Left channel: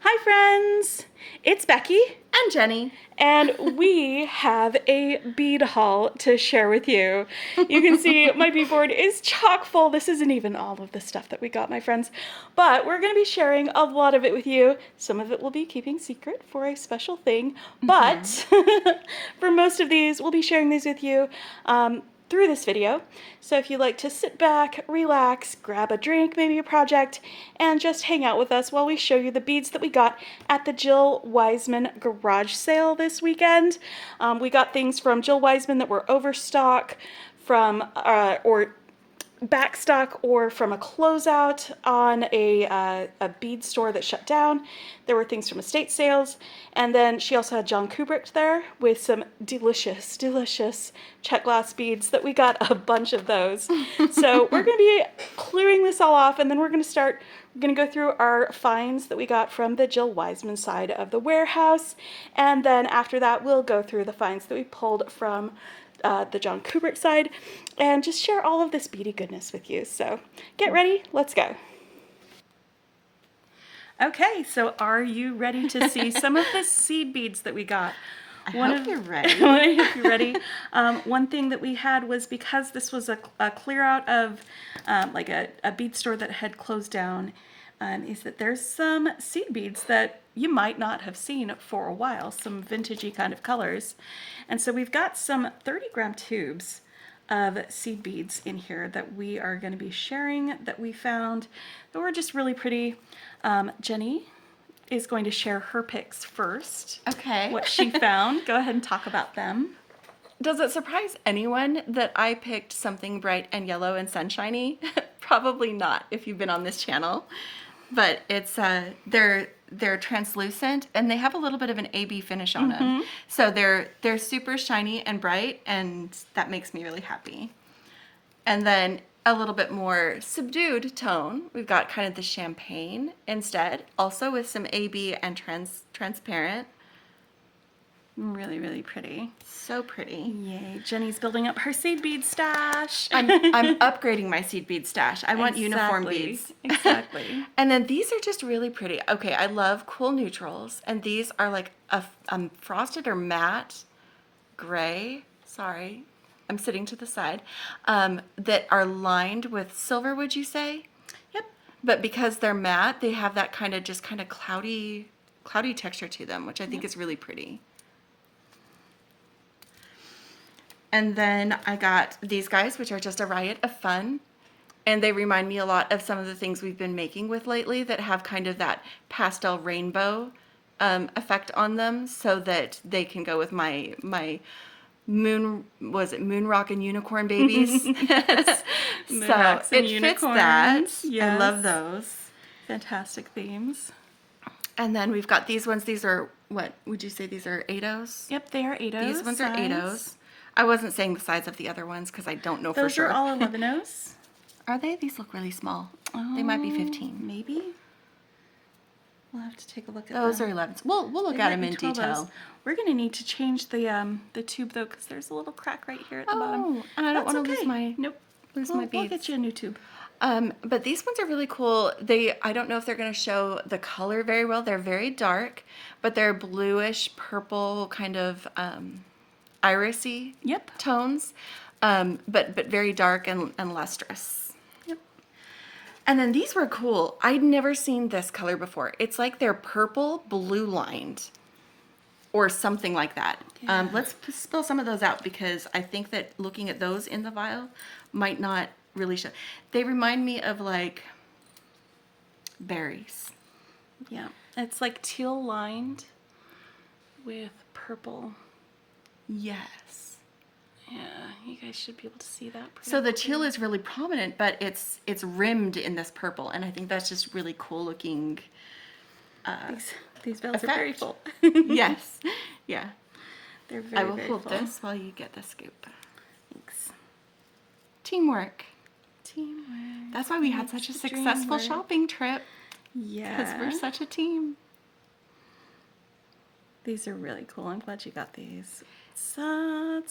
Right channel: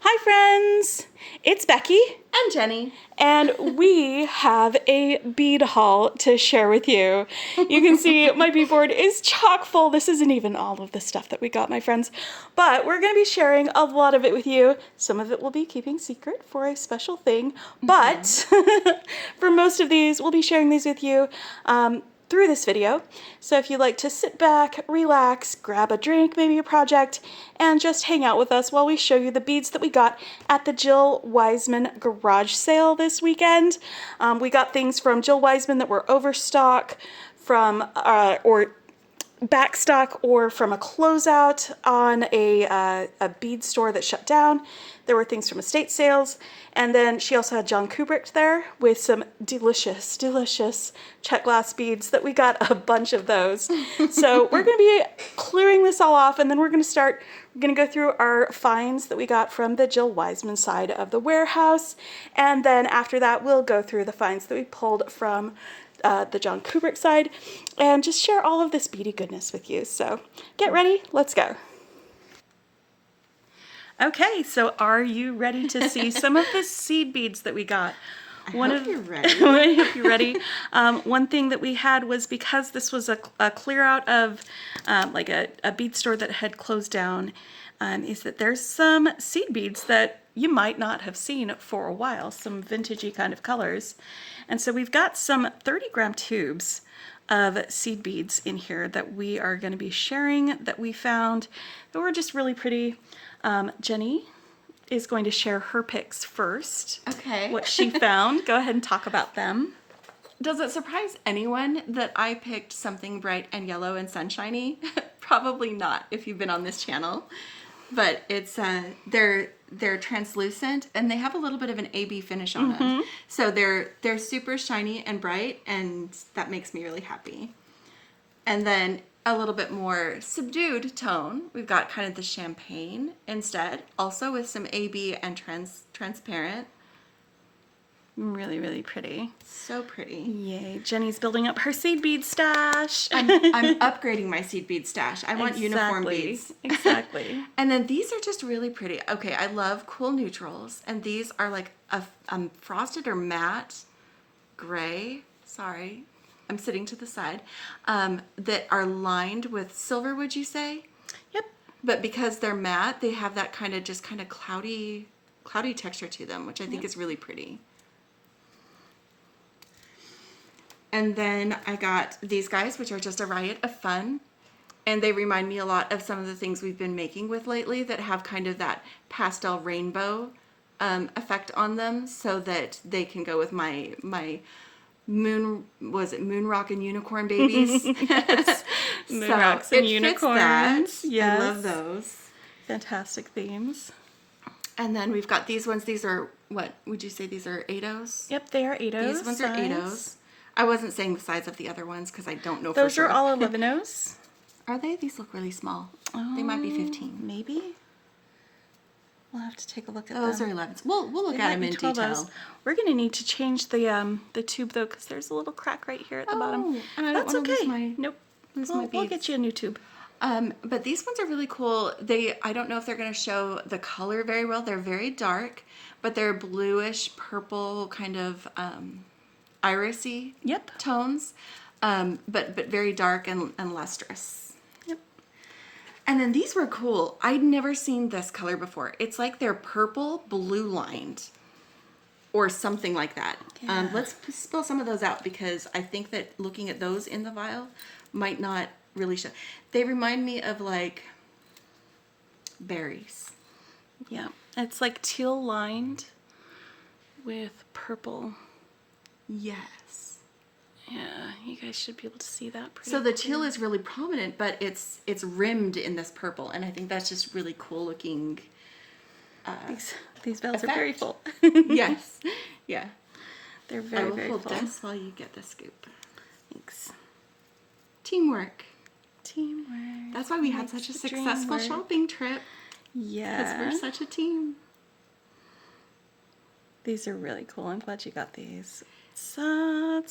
Hi friends, it's Becky And Jenny. and we have a bead haul to share with you. You can see my bead board is chock full. This isn't even all of the stuff that we got, my friends, but we're going to be sharing a lot of it with you. Some of it will be keeping secret for a special thing, but for most of these, we'll be sharing these with you through this video. So if you'd like to sit back, relax, grab a drink, maybe a project, and just hang out with us while we show you the beads that we got at the Jill Wiseman garage sale this weekend. We got things from Jill Wiseman that were overstock, from or backstock, or from a closeout on a bead store that shut down. There were things from estate sales, and then she also had Jon Kubricht there with some delicious, delicious check glass beads that we got a bunch of those. So we're going to be clearing this all off, and then we're going to go through our finds that we got from the Jill Wiseman side of the warehouse, and then after that we'll go through the finds that we pulled from the Jon Kubricht side, and just share all of this beady goodness with you. So get ready, let's go. Okay, so are you ready to see some of the seed beads that we got? I hope you're ready. I hope you're ready. One thing that we had was, because this was a clear out of like a bead store that had closed down, is that there's some seed beads that you might not have seen for a while, some vintagey kind of colors. And so we've got some 30-gram tubes of seed beads in here that we are going to be sharing, that we found that were just really pretty. Jenny is going to share her picks first. Okay. What she found. Go ahead and talk about them. Does it surprise anyone that I picked something bright and yellow and sunshiny? Probably not, if you've been on this channel. But it's they're translucent, and they have a little bit of an AB finish on them. So they're super shiny and bright, and that makes me really happy. And then a little bit more subdued tone, we've got kind of the champagne instead, also with some AB and transparent. Really, really pretty. So pretty. Yay. Jenny's building up her seed bead stash. I'm upgrading my seed bead stash. I want uniform beads. Exactly. And then these are just really pretty. Okay, I love cool neutrals. And these are like a frosted or matte gray. Sorry, I'm sitting to the side. That are lined with silver, would you say? Yep. But because they're matte, they have that kind of cloudy texture to them, which I think is really pretty. And then I got these guys, which are just a riot of fun. And they remind me a lot of some of the things we've been making with lately that have kind of that pastel rainbow effect on them, so that they can go with my moon rock and unicorn babies. Yes. Moon rocks and unicorns. Fits that. Yes. I love those. Fantastic themes. And then we've got these ones. These are, what would you say, these are 8-ohs? Yep, they are 8-ohs. These ones are 8-ohs. I wasn't saying the size of the other ones because I don't know Those for sure. are all 11-ohs. Are they? These look really small. They might be 15. Maybe. We'll have to take a look at Those them. are 11s. We'll look at them in detail. We're going to need to change the tube, though, because there's a little crack right here at the bottom. And I don't want to lose my beads. We'll get you a new tube. But these ones are really cool. I don't know if they're going to show the color very well. They're very dark, but they're bluish purple kind of irisy tones, but very dark and lustrous. Yep. And then these were cool. I'd never seen this color before. It's like they're purple blue lined or something like that. Yeah. Let's spill some of those out, because I think that looking at those in the vial might not really show. They remind me of like berries. Yeah, it's like teal lined with purple. Yes. Yeah, you guys should be able to see that. So the teal is really prominent, but it's rimmed in this purple, and I think that's just really cool looking. These bells are very full. Yes. Yeah. They're very, I will very hold full. this while you get the scoop. Thanks. Teamwork. Teamwork. That's why we had such a successful shopping trip. Yeah. Because we're such a team. These are really cool. I'm glad you got these. So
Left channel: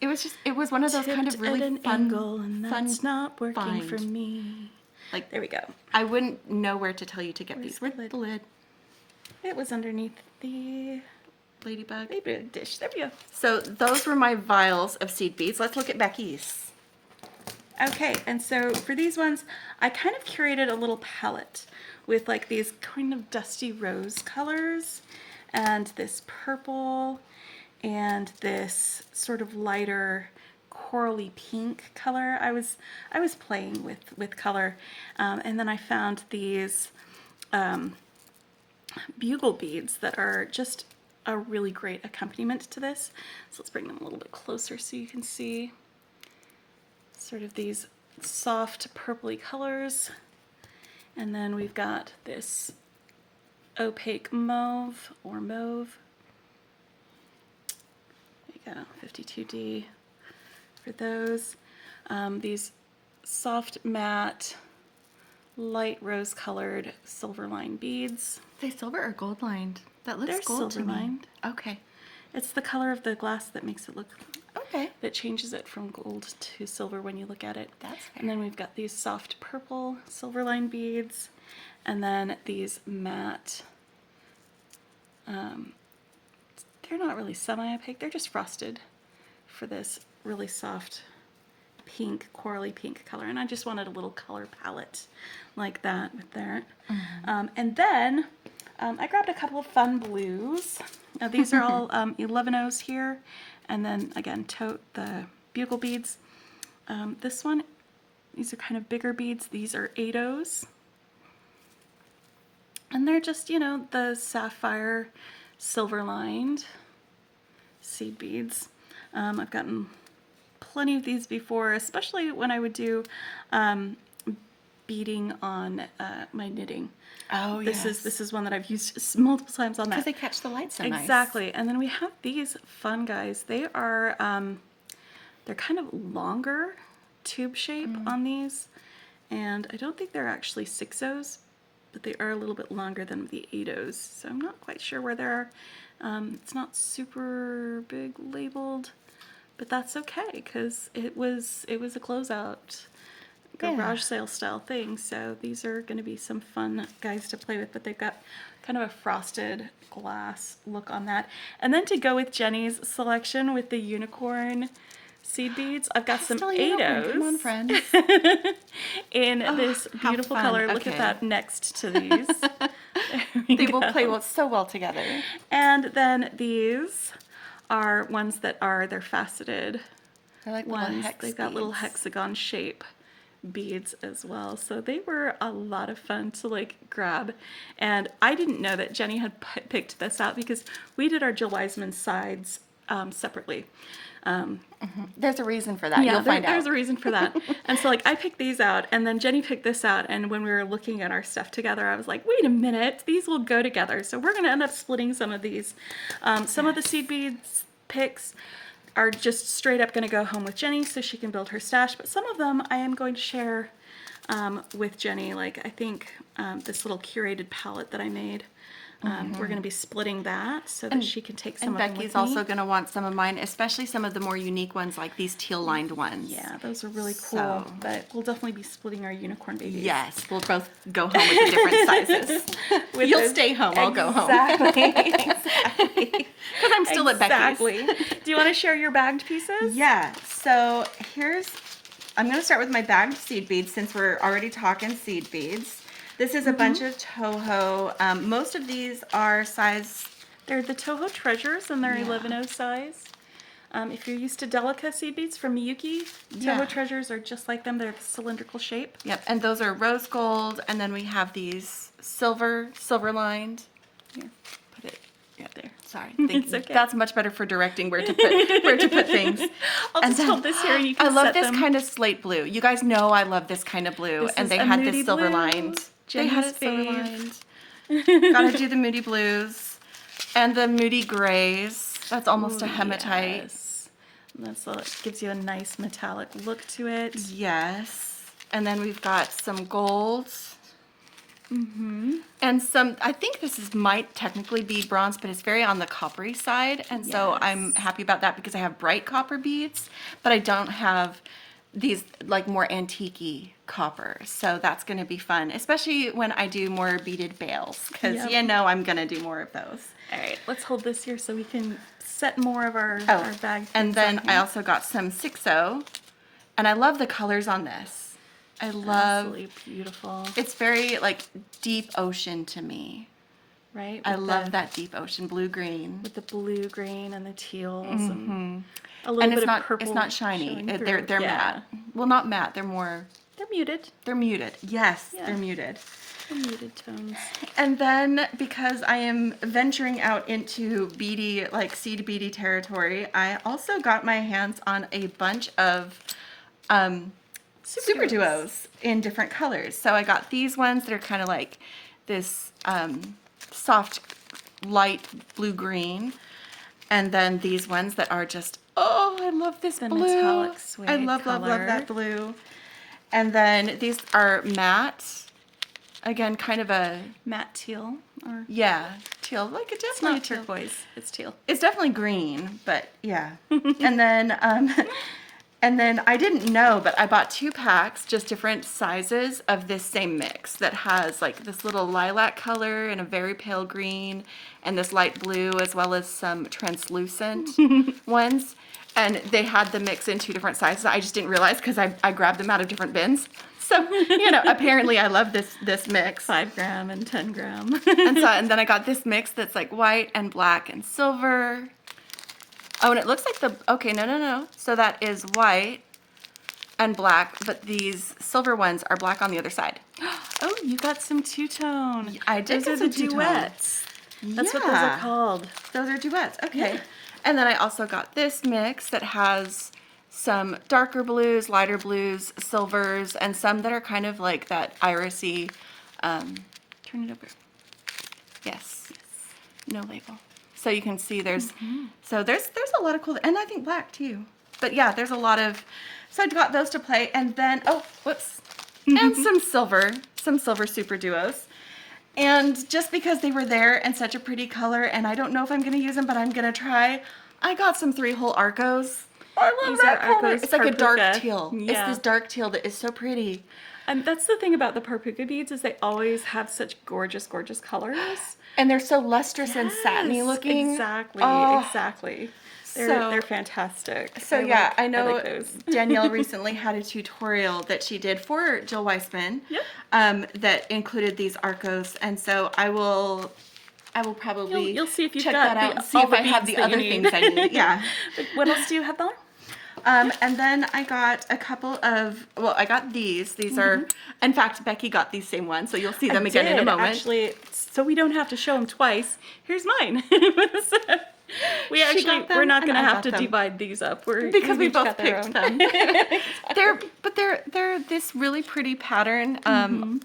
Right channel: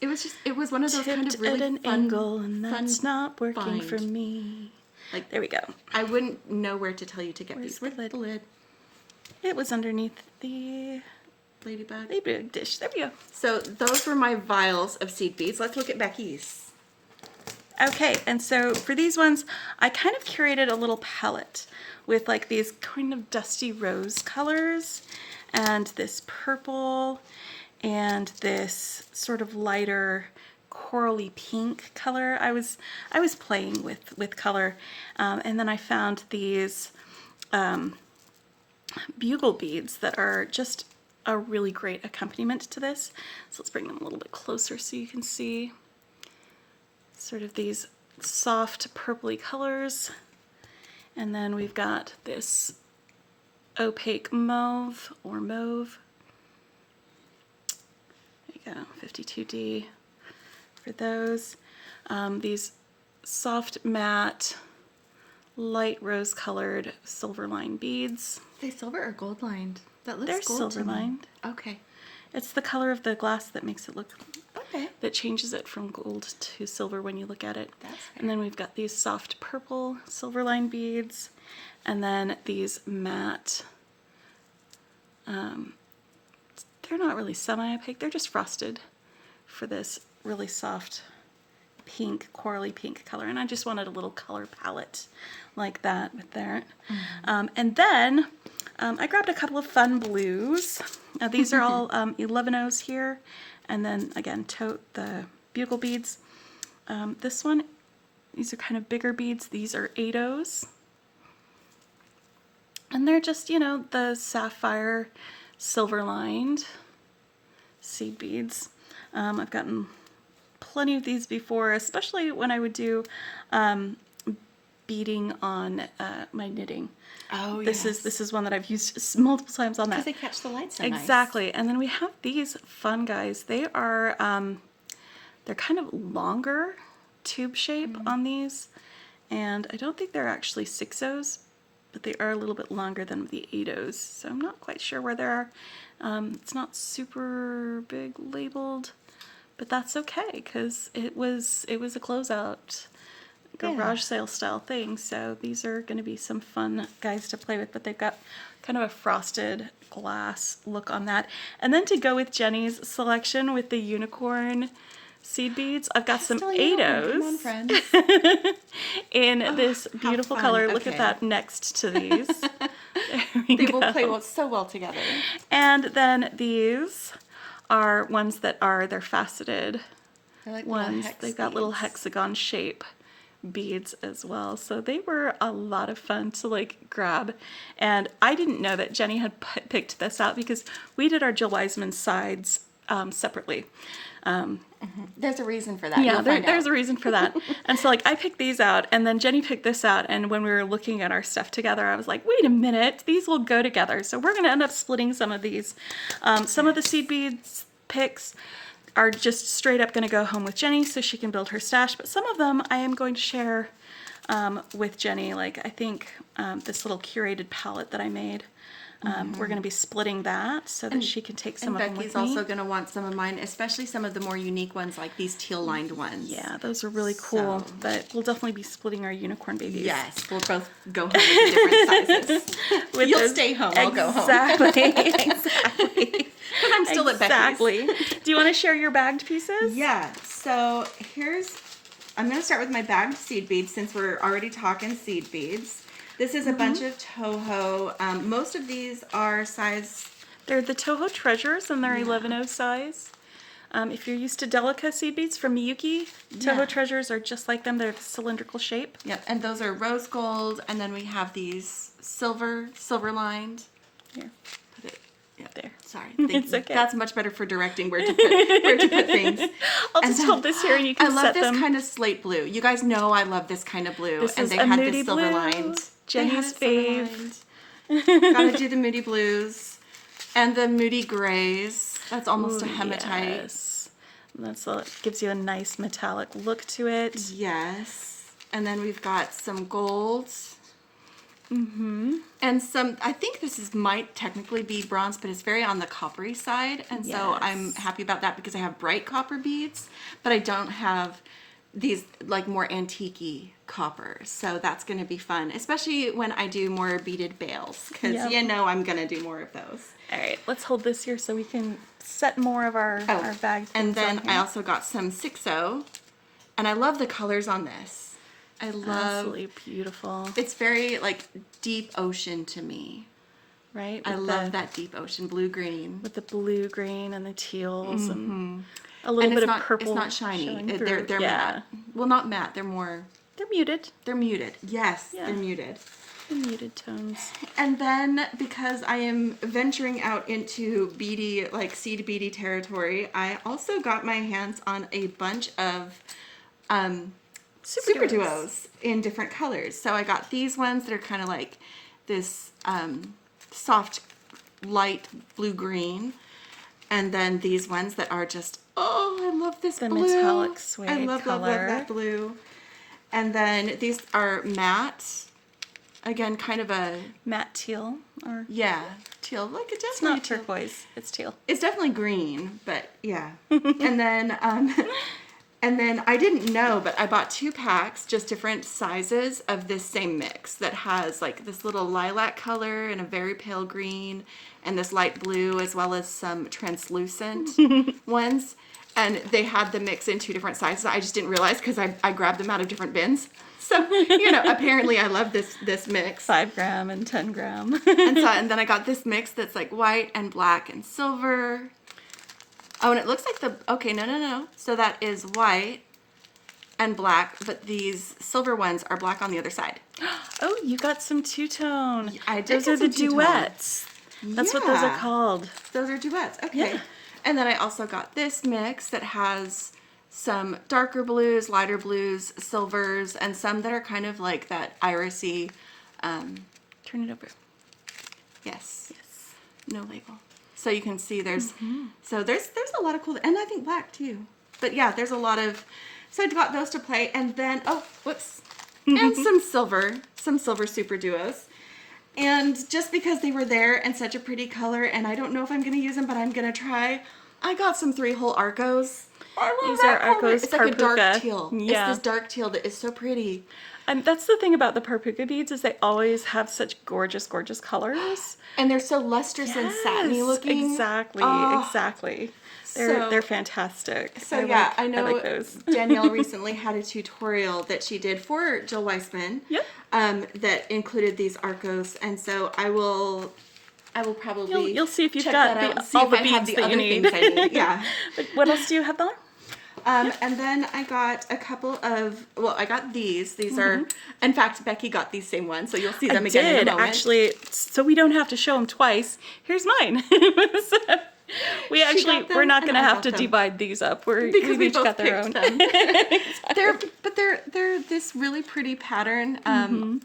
It was one of those kind of really at an fun angle, and that's not working find. for me. Like, there we go. I wouldn't know where to tell you to get Where's these. Where's the lid? It was underneath the Ladybug. ladybug dish. There we go. So those were my vials of seed beads. Let's look at Becky's. Okay, and so for these ones, I kind of curated a little palette with like these kind of dusty rose colors and this purple and this sort of lighter corally pink color. I was playing with color, and then I found these bugle beads that are just a really great accompaniment to this. So let's bring them a little bit closer so you can see sort of these soft purpley colors. And then we've got this opaque mauve or mauve. There you go, 52D for those. These soft matte, light rose colored silver line beads. Are they silver or gold lined? That looks They're gold silver to me. lined. Okay. It's the color of the glass that makes it look, Okay. that changes it from gold to silver when you look at it. That's fair. And then we've got these soft purple silver line beads, and then these matte, they're not really semi-opaque, they're just frosted for this really soft pink, corally pink color. And I just wanted a little color palette like that with that. And then I grabbed a couple of fun blues. Now these are all 11-0s here. And then again, tote the bugle beads. This one, these are kind of bigger beads. These are 8-0s. And they're just, you know, the sapphire silver lined seed beads. I've gotten plenty of these before, especially when I would do beading on my knitting. Oh, This yes. is one that I've used multiple times on Because that. they catch the light so nice. Exactly. And then we have these fun guys. They are they're kind of longer tube shape on these, and I don't think they're actually 6-0s, but they are a little bit longer than the 8-0s. So I'm not quite sure where they are. It's not super big labeled, but that's okay because it was a closeout garage sale style thing. So these are going to be some fun guys to play with, but they've got kind of a frosted glass look on that. And then to go with Jenny's selection with the unicorn seed beads, I've got some Still a unicorn. Come on, 8-0s friends. in this how beautiful fun. color. Look Okay. at that next to these. They will play so well together. And then these are ones that are, they're faceted They're like little ones. hex They've got little beads. hexagon shape beads as well. So they were a lot of fun to like grab. And I didn't know that Jenny had picked this out because we did our Jill Wiseman sides separately. There's a reason for that. Yeah, You'll find there's out. a reason for that. And so like I picked these out and then Jenny picked this out, and when we were looking at our stuff together, I was like, wait a minute, these will go together. So we're going to end up splitting some of these. Some of the seed beads picks are just straight up going to go home with Jenny so she can build her stash, but some of them I am going to share with Jenny. Like I think this little curated palette that I made. We're going to be splitting that so that she can take some And of them Becky's with me. also going to want some of mine, especially some of the more unique ones like these teal-lined ones. Yeah, those are really cool, So- but we'll definitely be splitting our unicorn babies. Yes, we'll both go home with the different sizes. With You'll those- stay home, I'll go home. Exactly. Exactly. Because I'm still at Becky's. Exactly. Do you want to share your bagged pieces? Yeah, so I'm going to start with my bagged seed beads since we're already talking seed beads. This is a bunch of Toho. Most of these are size, They're the Toho Treasures, and they're Yeah. 11-0 size. If you're used to Delica seed beads from Miyuki, Toho Yeah. Treasures are just like them. They're the cylindrical shape. yep, and those are rose gold, and then we have these silver lined. Here, Put it, yeah, there. sorry. It's okay. That's much better for directing where to put things. I'll And just then- hold this here and you can I love set this them. kind of slate blue. You guys know I love this kind of blue, This and is they a had moody this silver blue. lined. They had Jenny's it silver fave. lined. Gotta do the moody blues and the moody grays. That's almost a Ooh, hematite. Yes. Gives you a nice metallic look to it. Yes. And then we've got some golds. Mm-hmm. And some, I think might technically be bronze, but it's very on the coppery side. And so Yes. I'm happy about that because I have bright copper beads, but I don't have these like more antique-y coppers. So that's going to be fun, especially when I do more beaded bales, because Yep. you know I'm going to do more of those. All right, let's hold this here so we can set more of our bag things and then on I here. also got some 6-0, and I love the colors on this. I love, Absolutely beautiful, it's very like deep ocean to me. right? I With love the, that deep ocean blue-green. with the blue, green, and the teals, and a little And bit it's of not, purple. it's not shiny. showing They're through. matte. Well, not matte. They're more, They're muted. they're muted. Yes, Yeah. they're muted. They're muted tones. And then because I am venturing out into beady, like seed beady territory, I also got my hands on a bunch of super duos in different colors. So I got these ones that are kind of like this soft light blue-green. And then these ones that are just, oh, I love this The blue. metallic suede I love color. that blue. And then these are matte. Again, kind of a, Matte teal, or yeah, teal. Like it it's definitely not teal. turquoise. It's teal. It's definitely green, but yeah. and then I didn't know, but I bought 2 packs, just different sizes of this same mix that has like this little lilac color and a very pale green and this light blue, as well as some translucent ones. And they had the mix in 2 different sizes. I just didn't realize because I grabbed them out of different bins. So, you know, apparently I love this mix. 5 gram and 10 gram. And then I got this mix that's like white and black and silver. Oh, and it looks like okay, no. So that is white and black, but these silver ones are black on the other side. Oh, you got some two-tone. I did Those get are the some two-tone. duets. That's what those are Yeah. called. Those are duets. Okay. Yeah. And then I also got this mix that has some darker blues, lighter blues, silvers, and some that are kind of like that irisy. Turn it over. Yes. No label. So you can see there's there's a lot of cool, and I think black too. But yeah, there's a lot of, so I got those to play, and then and some silver super duos. And just because they were there and such a pretty color, and I don't know if I'm going to use them, but I'm going to try, I got some 3-hole Arcos. These are Arcos It's like a dark Parpuca. teal. Yeah. It's this dark teal that is so pretty. And that's the thing about the Parpuca beads is they always have such gorgeous, gorgeous colors. And they're so lustrous and satiny Yes, looking. Exactly, Oh. exactly. So- They're fantastic. So yeah, I like know those. Danielle recently had a tutorial that she did for Jill Wiseman, that included these Arcos, and so I will probably You'll see if you've check got that out the- and see all if the I have beads the that you other need. things I need. Yeah. What else do you have there? And then I got a couple of, I got these. These are, in fact, Becky got these same ones, so you'll see them again in a moment. Actually, so we don't have to show them twice. Here's mine. got them we're not and going to I have got to them. divide these up. Because we each both got their picked own. them. They're this really pretty pattern.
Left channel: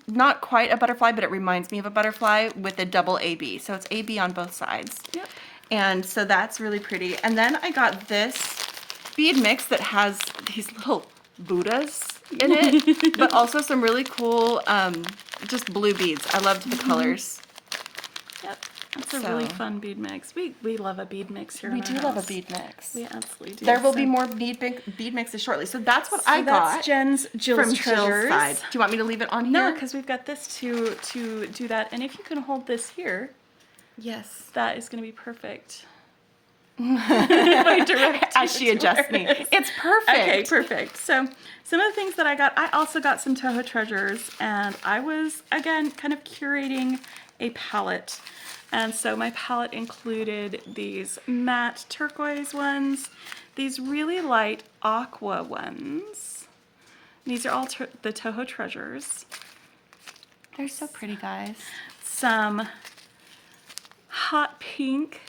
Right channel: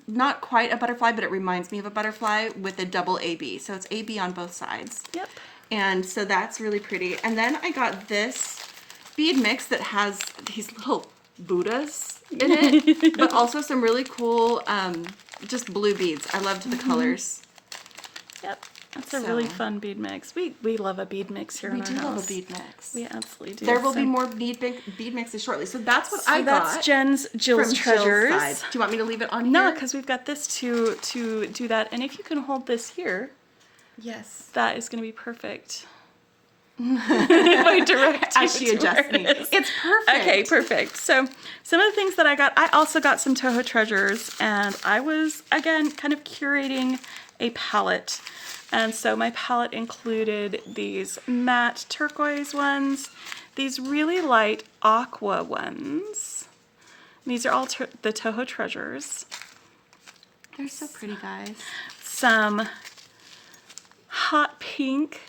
Not quite a butterfly, but it reminds me of a butterfly with a double AB. So it's AB on both sides. Yep. And so that's really pretty. And then I got this bead mix that has these little Buddhas in it, but also some really cool just blue beads. I loved the colors. Yep. That's a really fun bead mix. We love a bead mix here We in our do love a house. bead mix. We absolutely do. There will be So- more bead mixes shortly. So that's what So I got. that's Jill's from Jill's treasures. side. Do you want me to leave it on No, here? because we've got this to do that. And if you can hold this here, Yes. that is going to be perfect. If I direct As she you to adjusts where me. it is. It's perfect. Okay, perfect. So some of the things that I got, I also got some Toho treasures, and I was, again, kind of curating a palette. And so my palette included these matte turquoise ones, these really light aqua ones. These are all the Toho treasures. They're so pretty, guys. Some hot pink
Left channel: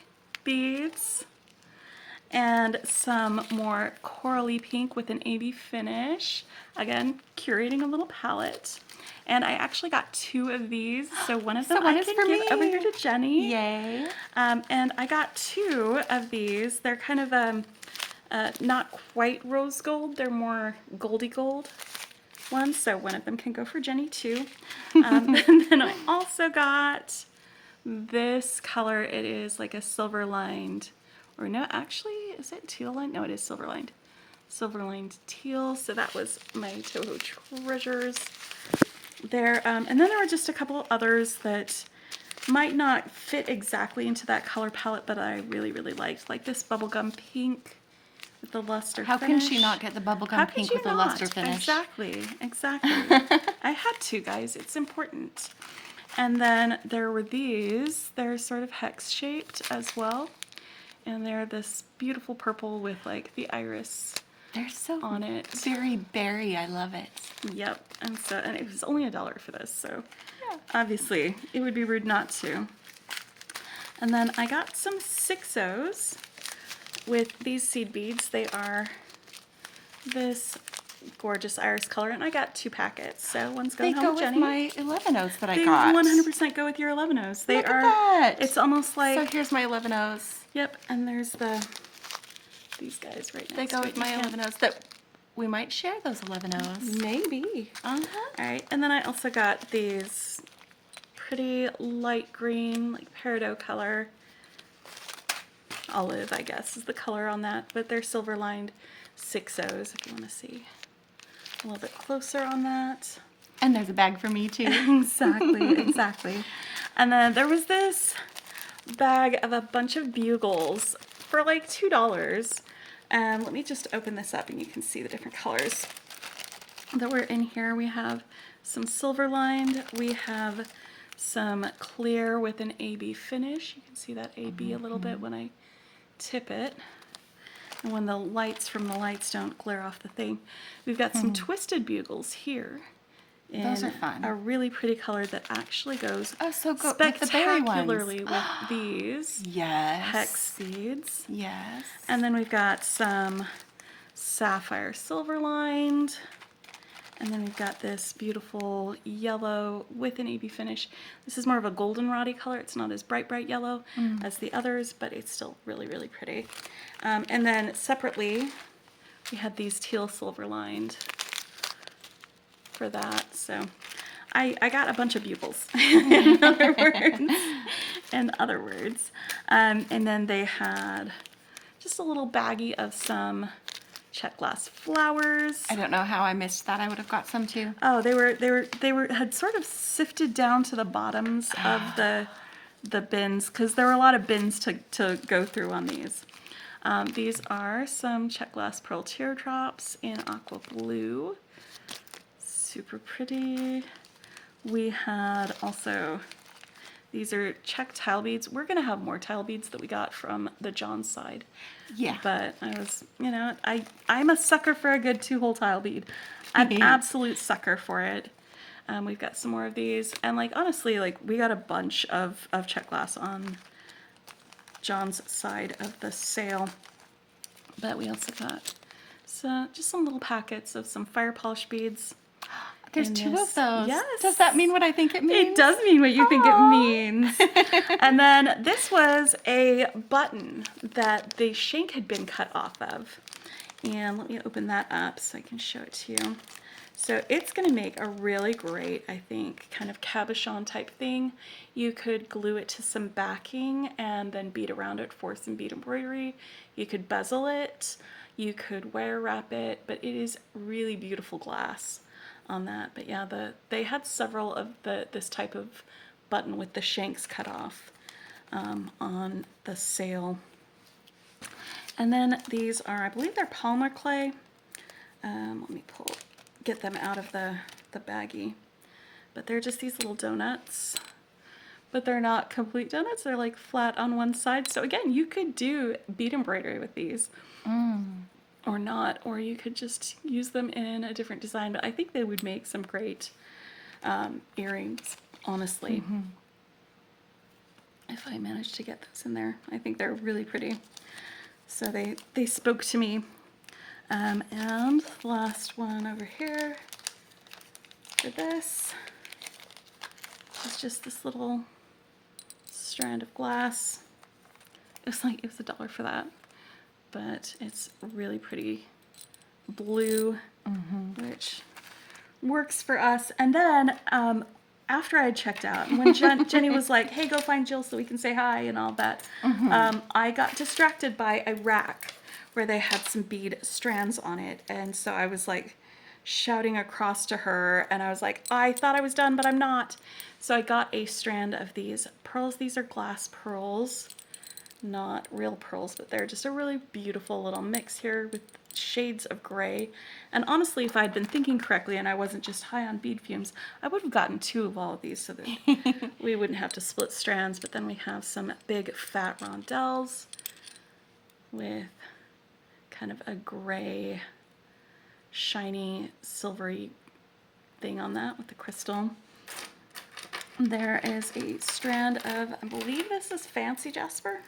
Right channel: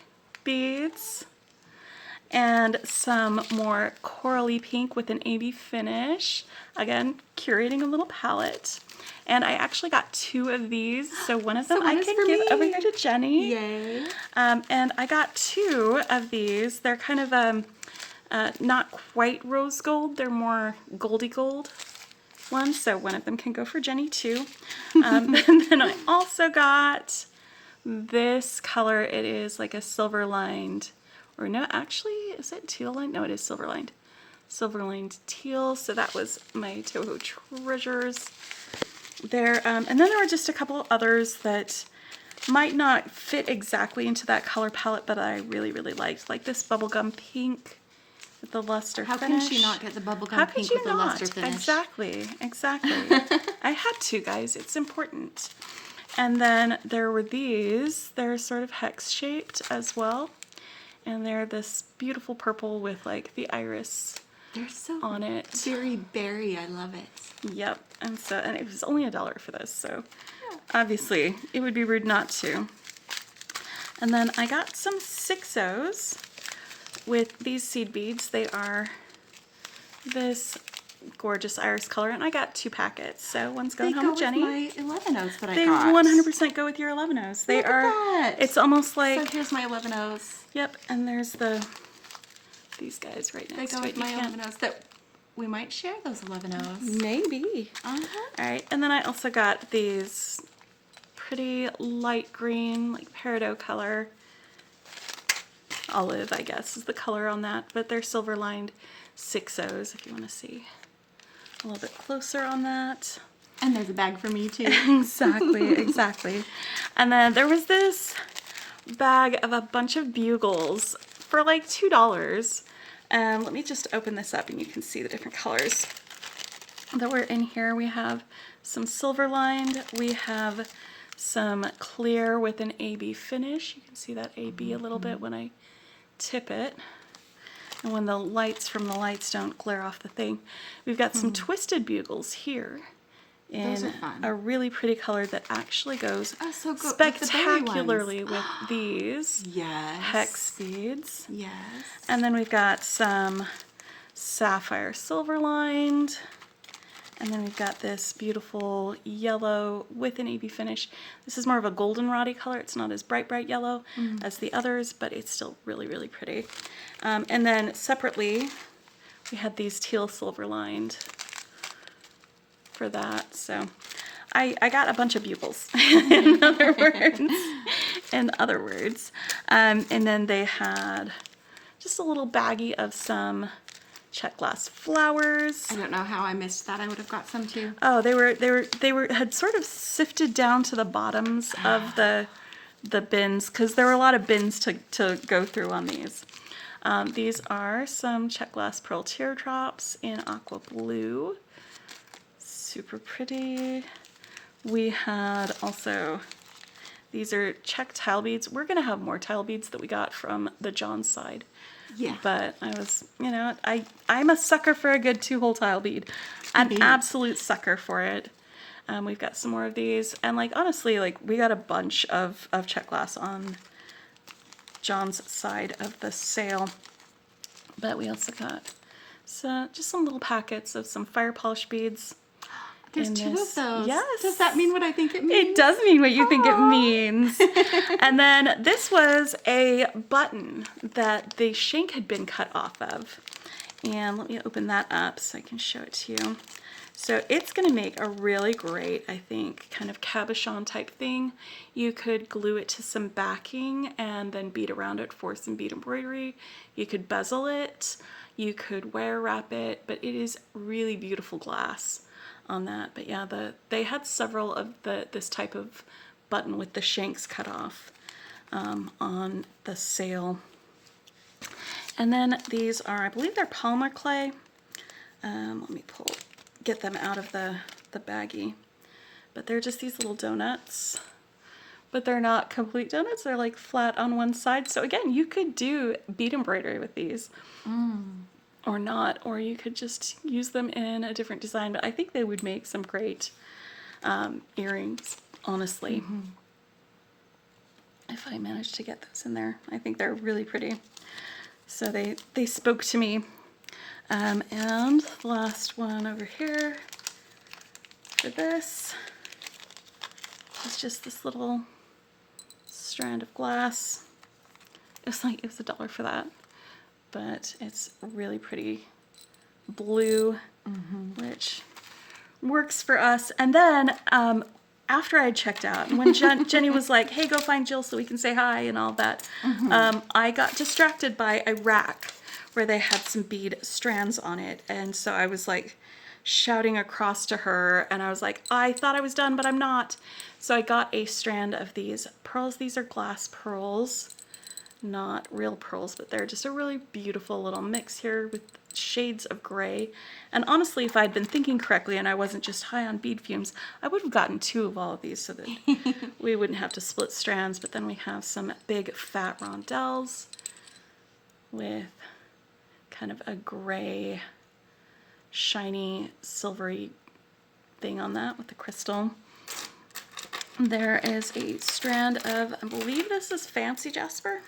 beads, and some more corally pink with an AB finish. Again, curating a little palette. And I actually got 2 of these, so one of them So one I is can for give me. over here to Jenny. Yay. And I got 2 of these. They're kind of not quite rose gold. They're more goldy gold ones, so one of them can go for Jenny too. And then I also got this color. It is like a silver lined, or no, actually, is it teal lined? No, it is silver lined. silver lined teal. So that was my Toho treasures there. And then there were just a couple of others that might not fit exactly into that color palette, but I really, really liked. Like this bubblegum pink with the luster How finish. can she not get the How bubblegum could pink you with the not? luster finish? Exactly. I had to, guys. It's important. And then there were these. They're sort of hex shaped as well. And they're this beautiful purple with like the iris They're so on it. very berry. I love it. Yep. And it was only $1 for this, so obviously it would be rude not to. And then I got some 6-0s with these seed beads. They are this gorgeous iris color, and I got 2 packets. So one's going home with Jenny. My 11-Os that I They got. 100% go with your 11-Os. They Look at are. that. It's almost like. So here's my 11-Os. Yep, and there's these guys right They next go to with it. my 11-Os. That we might share those 11-Os. Maybe. All right, and then I also got these pretty light green, like peridot color. Olive, I guess, is the color on that, but they're silver lined 6-0s if you want to see a little bit closer on that. And there's a bag for me too. Exactly. And then there was this bag of a bunch of bugles for like $2. And let me just open this up and you can see the different colors that were in here. We have some silver lined. We have some clear with an AB finish. You can see that AB a little bit when I tip it. And when the lights from the lights don't glare off the thing. We've got some twisted bugles here. Those are In fun. a really pretty color that actually goes So good. With the berry ones. spectacularly with these Yes. hex beads. Yes. And then we've got some sapphire silver lined. And then we've got this beautiful yellow with an AB finish. This is more of a goldenrod-y color. It's not as bright yellow as the others, but it's still really, really pretty. And then separately, we had these teal silver lined for that. So I got a bunch of bugles, in other words. And then they had just a little baggie of some check glass flowers. I don't know how I missed that. I would have got some too. Oh, they had sort of sifted down to the bottoms of the bins because there were a lot of bins to go through on these. These are some check glass pearl teardrops in aqua blue. Super pretty. We had also, these are check tile beads. We're going to have more tile beads that we got from the Jon side. Yeah. But I was, I'm a sucker for a good 2-hole tile bead. An absolute sucker for it. We've got some more of these. And like, honestly, like we got a bunch of check glass on Jon's side of the sale. But we also got just some little packets of some fire polish beads. There's in 2 this. of those. Yes. Does that mean what I think it means? It does mean what you think it means. And then this was a button that the shank had been cut off of. And let me open that up so I can show it to you. So it's going to make a really great, I think, kind of cabochon type thing. You could glue it to some backing and then bead around it for some bead embroidery. You could bezel it. You could wire wrap it. But it is really beautiful glass on that. But yeah, they had several of this type of button with the shanks cut off on the sale. And then these are, I believe they're polymer clay. Let me get them out of the baggie. But they're just these little donuts. But they're not complete donuts. They're like flat on one side. So again, you could do bead embroidery with these. Or not, or you could just use them in a different design, but I think they would make some great earrings, honestly. If I manage to get those in there. I think they're really pretty. So they spoke to me. And the last one over here for this is just this little strand of glass. It was $1 for that. But it's really pretty blue, which works for us. And then after I had checked out, and when Jenny was like, hey, go find Jill so we can say hi and all that, I got distracted by a rack where they had some bead strands on it. And so I was like shouting across to her, and I was like, I thought I was done, but I'm not. So I got a strand of these pearls. These are glass pearls, not real pearls, but they're just a really beautiful little mix here with shades of gray. And honestly, if I'd been thinking correctly and I wasn't just high on bead fumes, I would have gotten 2 of all of these so that we wouldn't have to split strands. But then we have some big fat rondelles with kind of a gray, shiny, silvery thing on that with the crystal. There is a strand of, I believe this is Fancy Jasper.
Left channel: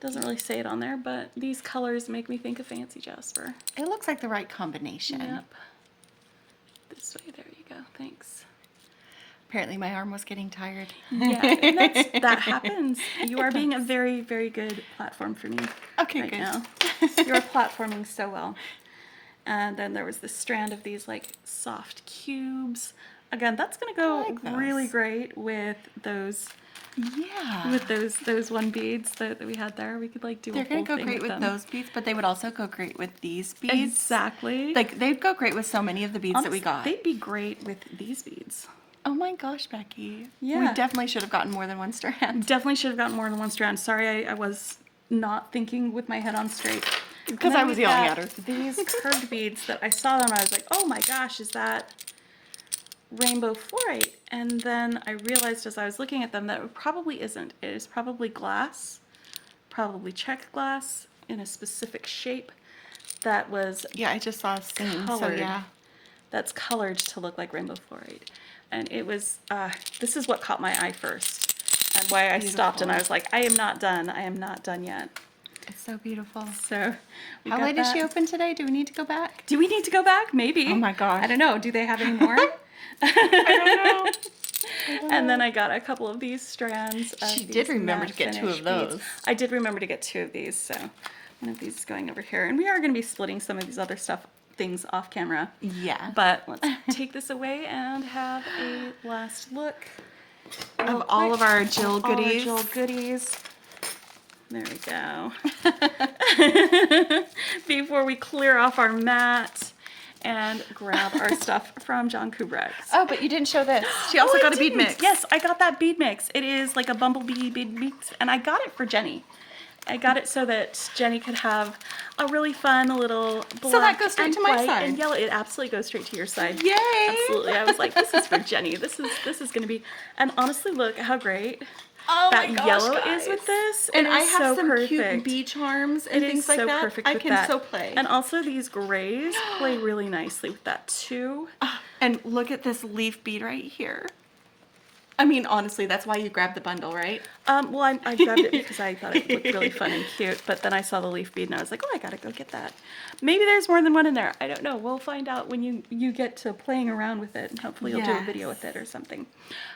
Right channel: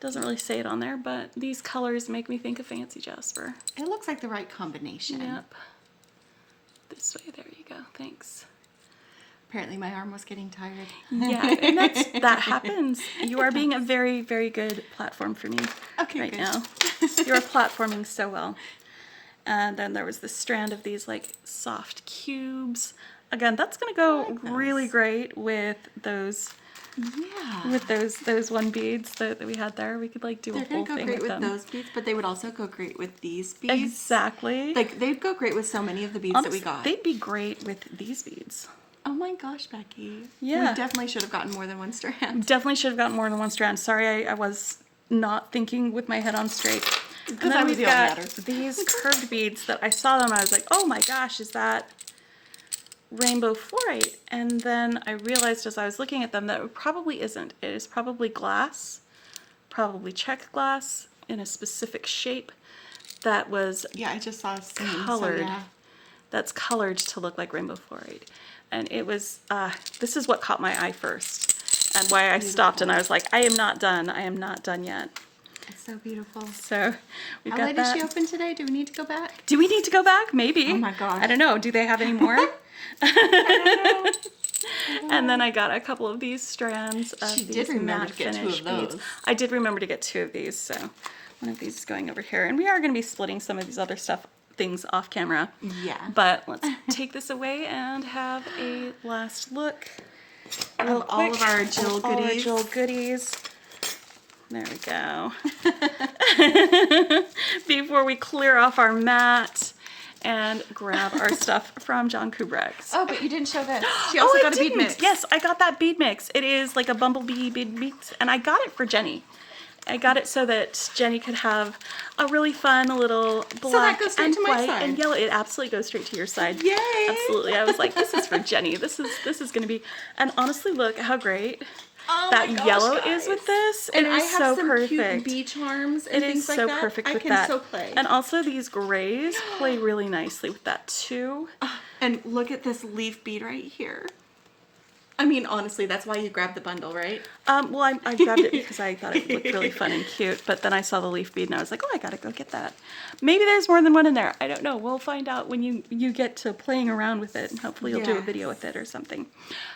Doesn't really say it on there, but these colors make me think of Fancy Jasper. It looks like the right combination. Yep. This way, there you go, thanks. Apparently my arm was getting tired. Yeah, and that happens. You are being a very, very good platform for me right now. You're platforming so well. And then there was this strand of these like soft cubes. Again, that's going to go really great with those. Yeah. With those one beads that we had there. We could like do a whole thing with them. They're going to go great with those beads, but they would also go great with these beads. Exactly. Like they'd go great with so many of the beads that we got. They'd be great with these beads. Oh my gosh, Becky. Yeah. We definitely should have gotten more than one strand. Definitely should have gotten more than one strand. Sorry, I was not thinking with my head on straight. Because I was yelling at her. These curved beads that I saw them, I was like, oh my gosh, is that rainbow fluorite? And then I realized as I was looking at them that it probably isn't. It is probably glass, probably check glass in a specific shape that was I just saw a stain, colored. So yeah. That's colored to look like rainbow fluorite. And it was, this is what caught my eye first and why I stopped and I was like, I am not done. I am not done yet. It's so beautiful. So we got How late is she open today? Do we need to go back? Do we need to go back? Maybe. Oh my gosh. I don't know. Do they have any more? I don't know. And then I got a couple of these strands of She these did remember matte to get 2 finish of those. beads. I did remember to get 2 of these, so one of these is going over here. And we are going to be splitting some of these other things off camera. Yeah. But let's take this away and have a last look. Of all of our Jill goodies. All our Jill goodies. There we go. Before we clear off our mat and grab our stuff from Jon Kubricht. Oh, but you didn't show this. She also got a bead mix. Yes, I got that bead mix. It is like a bumblebee bead mix, and I got it for Jenny. I got it so that Jenny could have a really fun little black and white and yellow. It absolutely goes straight to your side. Yay! Absolutely. I was like, this is for Jenny. This is going to be. And honestly, look how great that yellow is with this. And it I is have so some perfect. cute bee charms and things like that. It is so perfect with that. I can so play. And also these grays play really nicely with that too. And look at this leaf bead right here. I mean, honestly, that's why you grabbed the bundle, right? Well, I grabbed it because I thought it looked really fun and cute, but then I saw the leaf bead and I was like, oh, I gotta go get that. Maybe there's more than one in there. I don't know. We'll find out when you get to playing around with it, and hopefully you'll do a video with it or something.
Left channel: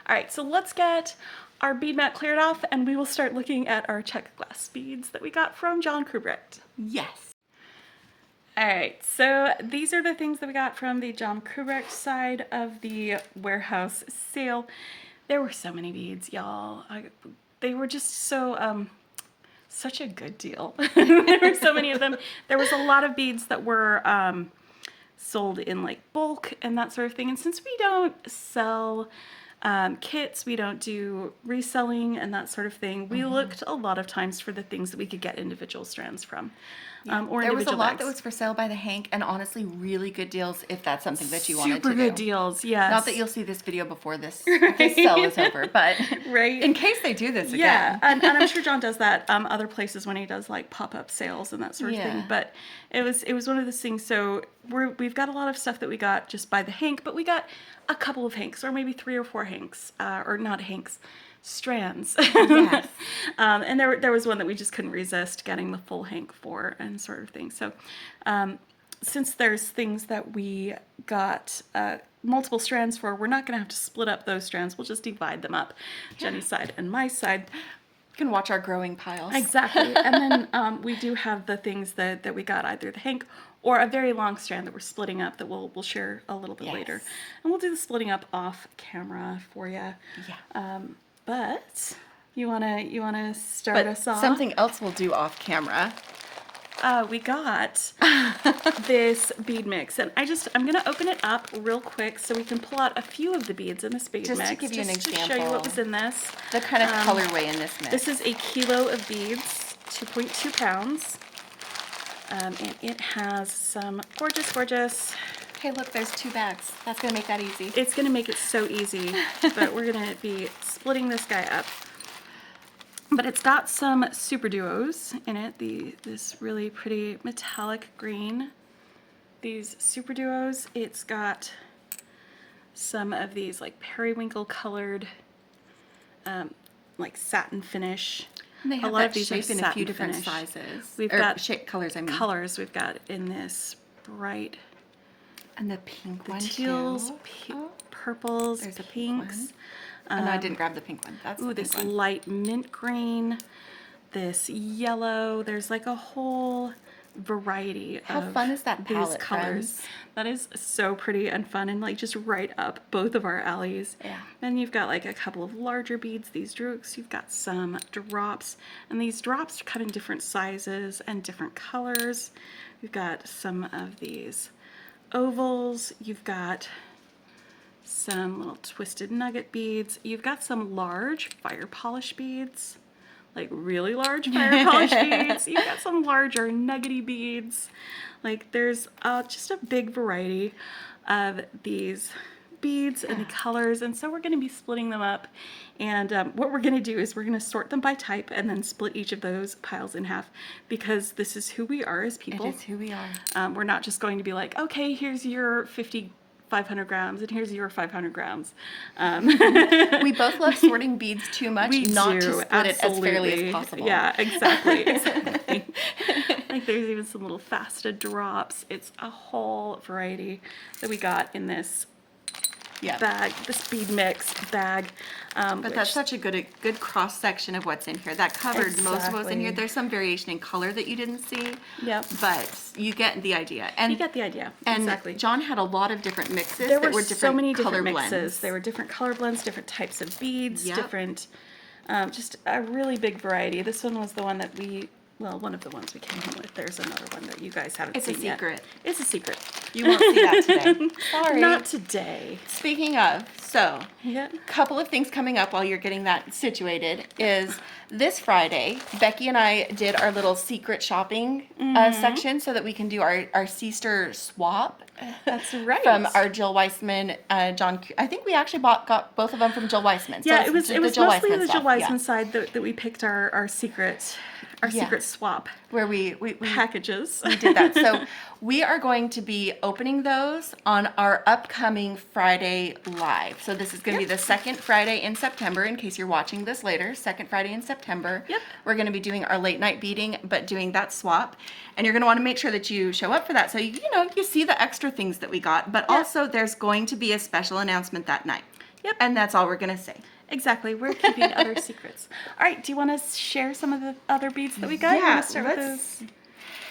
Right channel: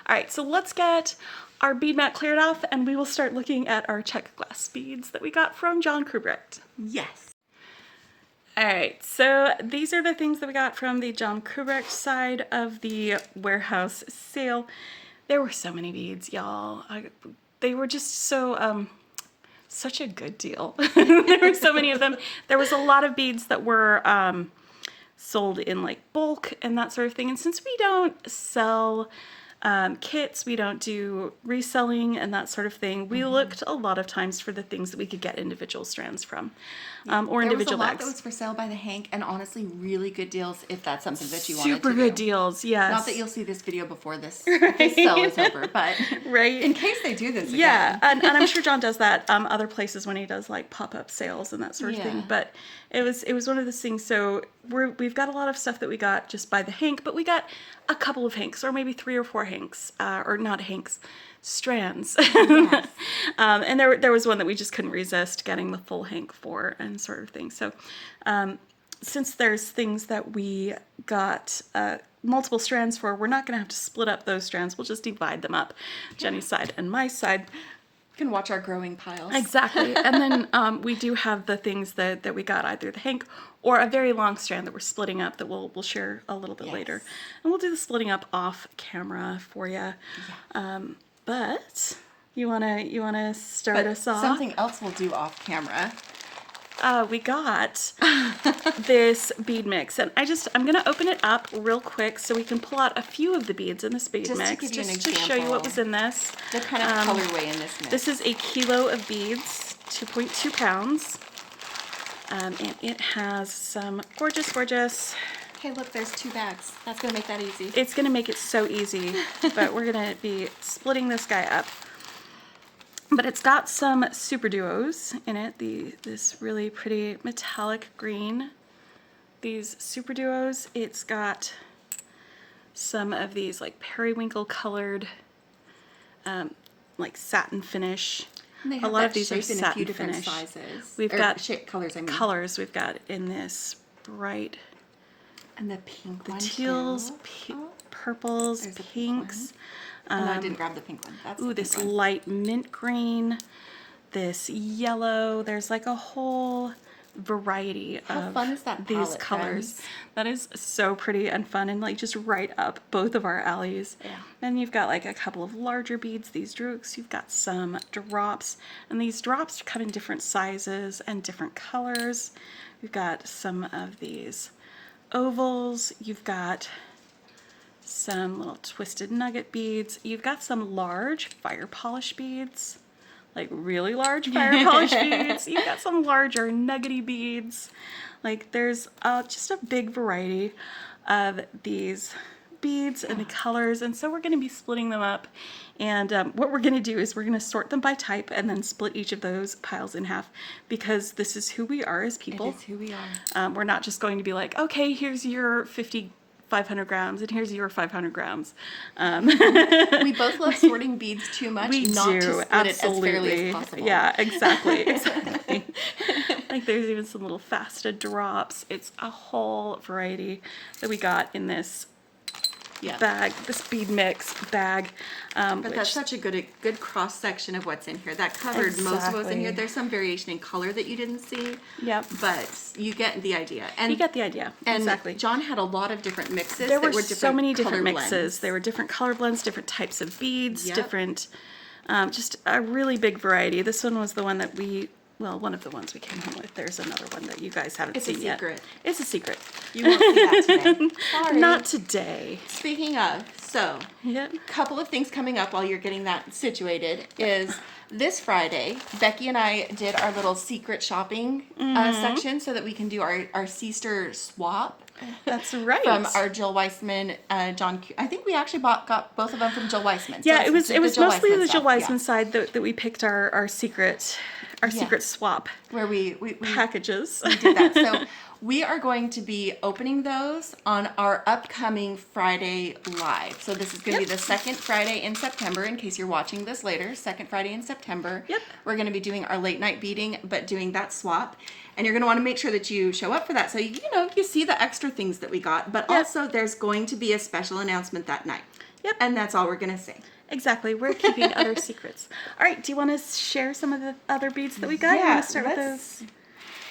All right, so let's get our bead mat cleared off, and we will start looking at our check glass beads that we got from Jon Kubricht. Yes. All right, so these are the things that we got from the Jon Kubricht side of the warehouse sale. There were so many beads, y'all. They were just so, such a good deal. There were so many of them. There was a lot of beads that were sold in like bulk and that sort of thing. And since we don't sell kits, we don't do reselling and that sort of thing, we looked a lot of times for the things that we could get individual strands from. Or individual there was a lot bags. that was for sale by the hank, and honestly, really good deals if that's something that you wanted to do. Super good deals, yes. Not that you'll see this video before this sale is over, but in case they do this again. Yeah, and I'm sure Jon does that other places when he does like pop-up sales and that sort of thing. But it was one of those things. So we've got a lot of stuff that we got just by the hank, but we got a couple of hanks, or maybe 3 or 4 hanks, or not hanks. Strands. Yes. And there was one that we just couldn't resist getting the full hank for and sort of thing. So since there's things that we got multiple strands for, we're not going to have to split up those strands. We'll just divide them up, Jenny's side and my side. You can watch our growing piles. Exactly. And then we do have the things that we got, either the hank or a very long strand that we're splitting up that we'll share a little bit later. And we'll do the splitting up off camera for you. Yeah. But you wanna start us off? Something else we'll do off camera. we got this bead mix, and I'm gonna open it up real quick so we can pull out a few of the beads in this bead Just mix. to give you an example. To show you what was in this. The kind of colorway in this mix. This is a kilo of beads, 2.2 pounds, and it has some gorgeous. Hey, look, there's 2 bags. That's gonna make that easy. It's gonna make it so easy, but we're gonna be splitting this guy up. But it's got some super duos in it. This really pretty metallic green. These super duos. It's got some of these like periwinkle colored, like satin finish. And they have a lot that of these shape are in satin a few different finish. sizes. We've Or got shape colors. I mean colors. We've got in this bright, and the pink one teals, too. purples, There's a pink pinks. Oh, no, I didn't grab the pink one. That's Ooh, the pink this one. light mint green, this yellow. There's like a whole variety of fun is that these palette, colors. friends? That is so pretty and fun and like just right up both of our alleys. Yeah. Then you've got like a couple of larger beads, these drooks. You've got some drops, and these drops come in different sizes and different colors. We've got some of these ovals. You've got some little twisted nugget beads. You've got some large fire polish beads, like really large fire polish beads. You've got some larger nuggety beads. Like there's just a big variety of these beads and the colors, and so we're going to be splitting them up. And what we're going to do is we're going to sort them by type and then split each of those piles in half, because this is who we are as people. It is who we are. We're not just going to be like, okay, here's your 500 grams, and here's your 500 grams. We both love sorting beads too much We not do, to split absolutely. it as fairly as possible. Yeah, exactly. Like there's even some little FASTA drops. It's a whole variety that we got in this bag, this bead mix bag. But that's such a good cross section of what's in here. That covered most of what's in here. There's some variation in color that you didn't see. Yep. But you get the idea. And you get the idea. and exactly. John had a lot of different mixes. There that were different so many color different mixes. blends. There were different color blends, different types of beads, Yep. different, just a really big variety. This one was the one that one of the ones we came home with. There's another one that you guys haven't It's a seen yet. secret. It's a secret. You won't see that today. Sorry. Not today. Speaking of, so Yep. couple of things coming up while you're getting that situated is this Friday, Becky and I did our little secret shopping section so that we can do our Seaster swap. That's right. From our Jill Wiseman, I think we actually got both of them from Jill Wiseman. Yeah, So it was the mostly Jill the Wiseman Jill stuff, Wiseman side that we picked our secret secret swap where we packages. we did that. So we are going to be opening those on our upcoming Friday live. So this is going to be the second Friday in September, in case you're watching this later. Second Friday in September. Yep. We're going to be doing our late night beading, but doing that swap. And you're going to want to make sure that you show up for that. So, you see the extra things that we got. But also there's going to be a special announcement that night. Yep. And that's all we're going to say. Exactly. We're keeping other secrets. All right. Do you want to share some of the other beads that we got? You want to start with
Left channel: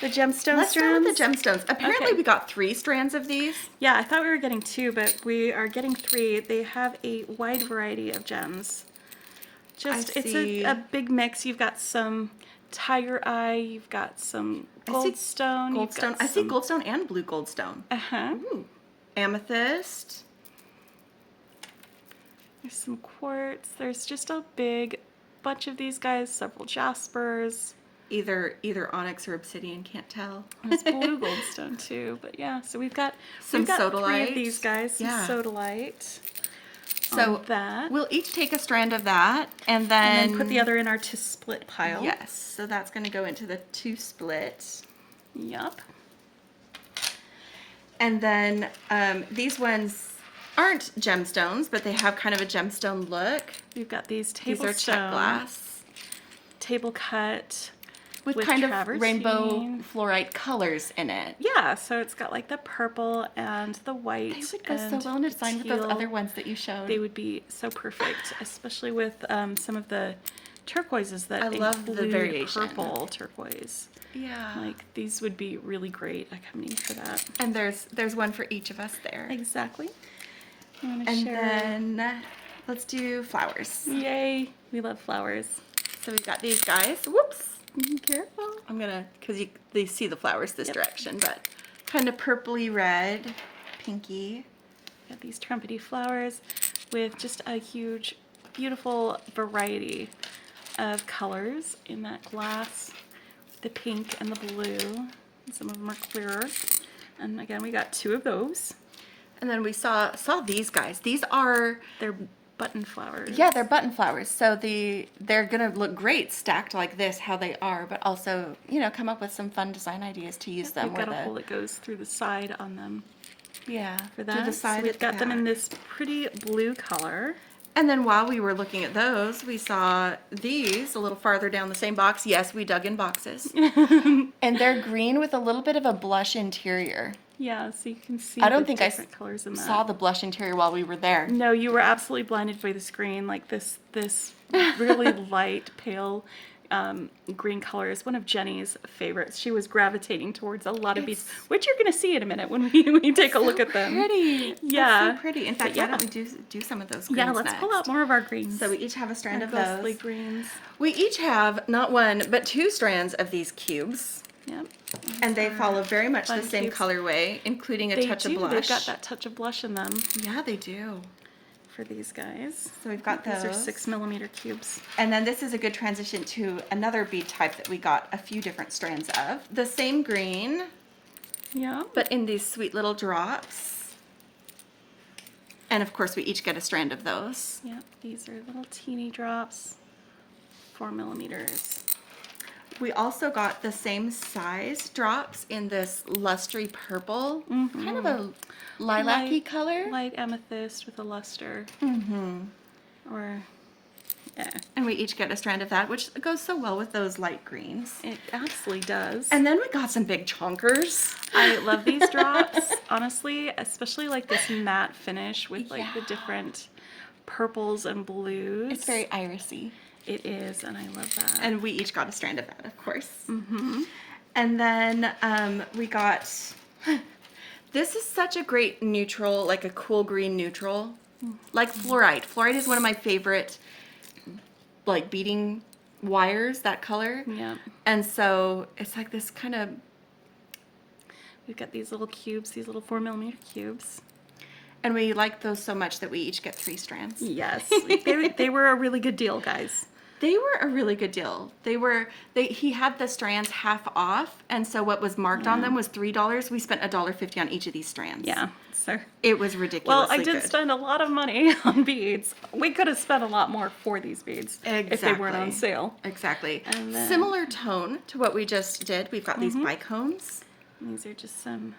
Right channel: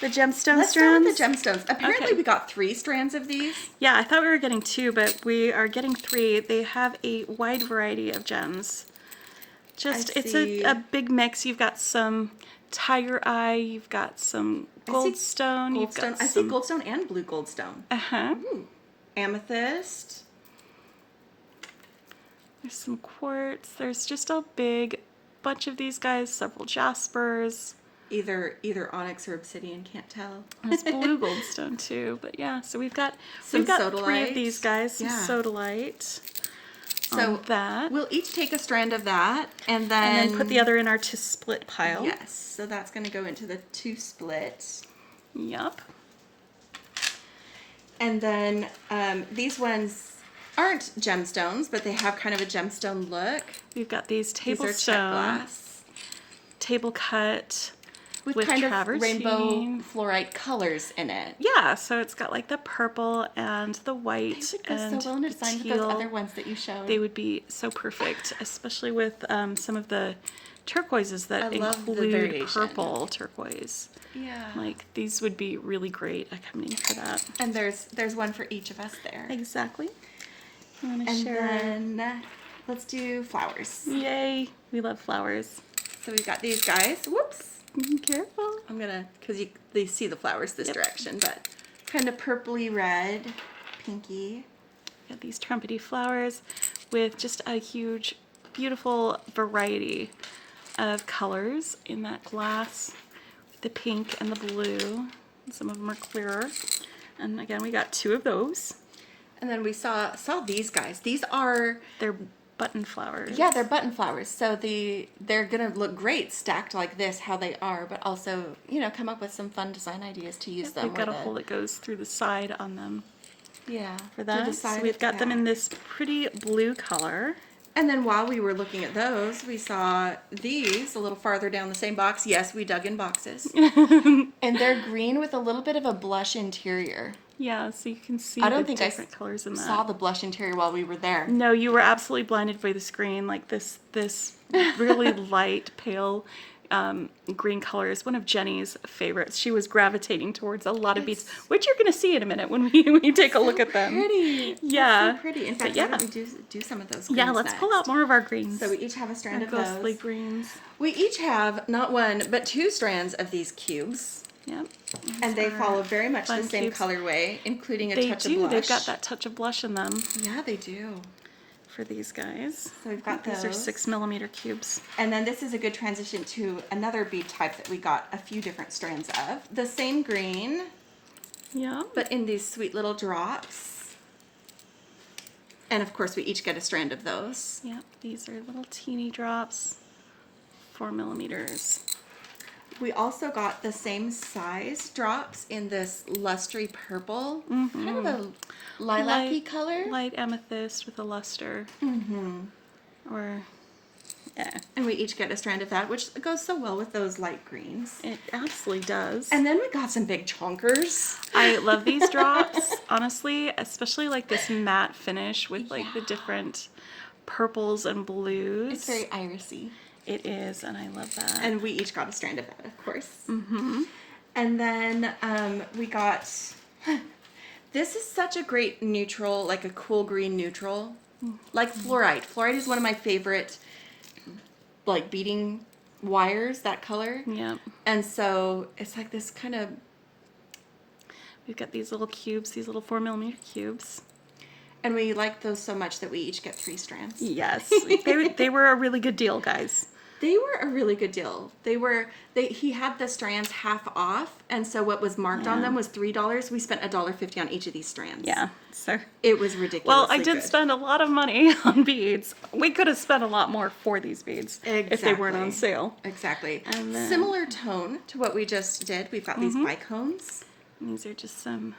the gemstone Let's strands? start with the gemstones. Apparently Okay. we got 3 strands of these. Yeah, I thought we were getting 2, but we are getting 3. They have a wide variety of gems. It's a big mix. You've got some tiger eye. You've got some goldstone. Goldstone. I see goldstone and blue goldstone. Uh-huh. Ooh. Amethyst. There's some quartz. There's just a big bunch of these guys. Several jaspers. Either onyx or obsidian, can't tell. There's blue goldstone too. But yeah, so we've got Some 3 sodalite. of these guys. Some Yeah. sodalite. So on that. we'll each take a strand of that and then put the other in our to split pile. Yes. So that's going to go into the 2 split. Yup. And then these ones aren't gemstones, but they have kind of a gemstone look. We've got these These table are check stone, glass table cut. with kind of rainbow fluorite colors in it. Yeah, so it's got like the purple and the white They would go and so well in a design with those teal. other ones that you showed. They would be so perfect, especially with some of the turquoises that I love the include variation. purple turquoise. Yeah. Like these would be really great coming for that. And there's one for each of us there. Exactly. You want to And share? then let's do flowers. Yay! We love flowers. So we've got these guys. Whoops. Careful. I'm gonna, because they see the flowers this direction, but kind of purpley red, pinky. Got these trumpety flowers with just a huge, beautiful variety of colors in that glass. The pink and the blue. Some of them are clearer. And again, we got 2 of those. And then we saw these guys. These are... They're button flowers. Yeah, they're button flowers. So they're going to look great stacked like this, how they are, but also, you know, come up with some fun design ideas to use them. We've got a hole that goes through the side on them. Yeah. For that. So we've got them in this pretty blue color. And then while we were looking at those, we saw these a little farther down the same box. Yes, we dug in boxes. And they're green with a little bit of a blush interior. Yeah, so you can see I don't the think different colors in that. saw the blush interior while we were there. No, you were absolutely blinded by the screen. Like this really light, pale green color is one of Jenny's favorites. She was gravitating towards a lot of beads, which you're going to see in a minute when we take a look at them. Pretty. Yeah. So pretty. In fact, why don't we do some of those greens Yeah, let's pull out more of our greens. So we each have a strand our of ghostly those. greens. We each have not 1, but 2 strands of these cubes. Yep. And they follow very much the same cubes. colorway, including a They touch do. of blush. They've got that touch of blush in them Yeah, they do. for these guys. So we've got These are those. 6mm cubes. And then this is a good transition to another bead type that we got a few different strands of. The same green, Yeah. but in these sweet little drops. And of course, we each get a strand of those. Yep. These are little teeny drops. 4mm. We also got the same size drops in this lustry purple, kind of a lilac-y color. Light amethyst with a luster. Or, yeah. And we each get a strand of that, which goes so well with those light greens. It absolutely does. And then we got some big chonkers. I love these drops, honestly, especially like this matte finish with like the different purples and blues. It's very irisy. It is, and I love that. And we each got a strand of that, of course. And then we got, this is such a great neutral, like a cool green neutral, like fluorite. Fluorite is one of my favorite, like beading wires, that color. Yeah. And so it's like this kind of, We've got these little cubes, these little 4mm cubes. and we like those so much that we each get 3 strands. Yes. they were a really good deal, guys. They were a really good deal. He had the strands half off, and so what was marked on them was $3. We spent $1.50 on each of these strands. Yeah. So. It was ridiculous. Well, I did spend a lot of money on beads. We could have spent a lot more for these beads if they weren't on sale. Exactly. And then- Similar tone to what we just did. We've got these bicones. These are just some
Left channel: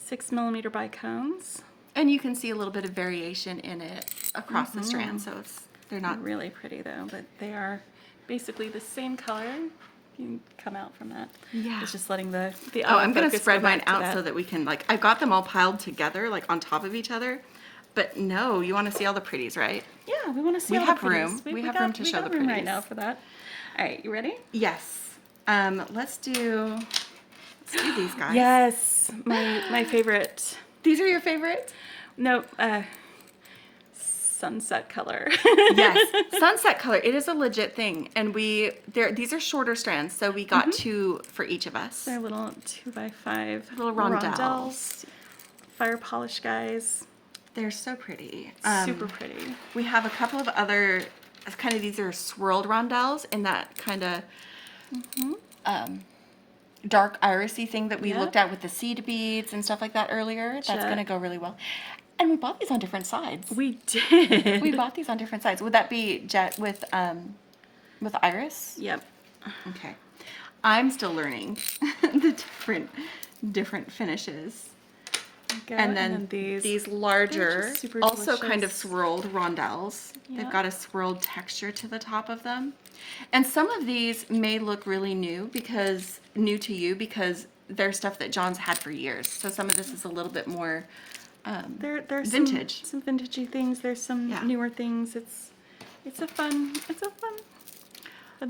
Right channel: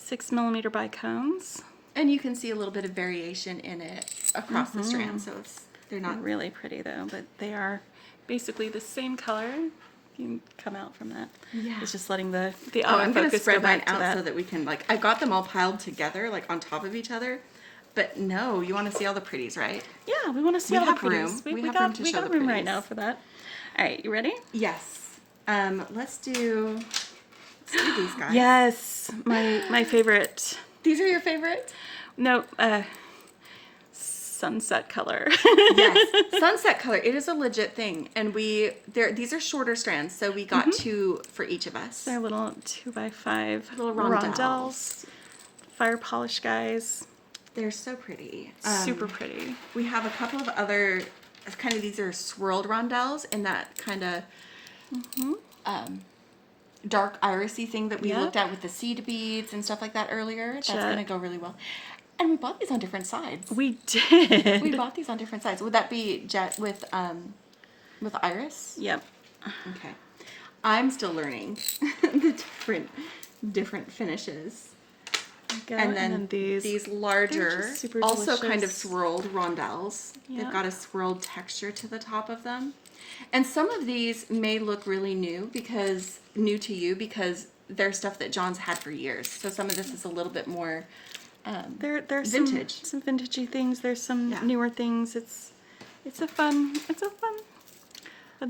6mm bicones. And you can see a little bit of variation in it across the strand, so they're not Really pretty though, but they are basically the same color. You can come out from that. Yeah. It's just letting the I'm going to autofocus spread go mine back to out that. so that we can, like, I've got them all piled together, like, on top of each other. But no, you want to see all the pretties, right? Yeah, we want to see We all the have room. pretties. We have room to show got the room right pretties. now for that. All right, you ready? Yes. Let's do these guys. Yes, my favorite. These are your favorite? No, sunset color. Yes, sunset color. It is a legit thing, and these are shorter strands, so we got 2 for each of us. They're little 2x5 Little rondelles. Fire polish guys. They're so pretty. Super pretty. We have a couple of other these are swirled rondelles in that kind of dark irisy thing that we Yep. looked at with the seed beads and stuff like that earlier. That's Jet. going to go really well. And we bought these on different sides. We did. We bought these on different sides. Would that be jet with iris? Yep. Okay. I'm still learning the different finishes. Go, And then these. these larger, just super also kind of delicious. swirled rondelles. Yeah. They've got a swirled texture to the top of them. And some of these may look really new to you because they're stuff that Jon's had for years. So some of this is a little bit more There's vintage. some vintagey things. There's some Yeah. newer things. It's a fun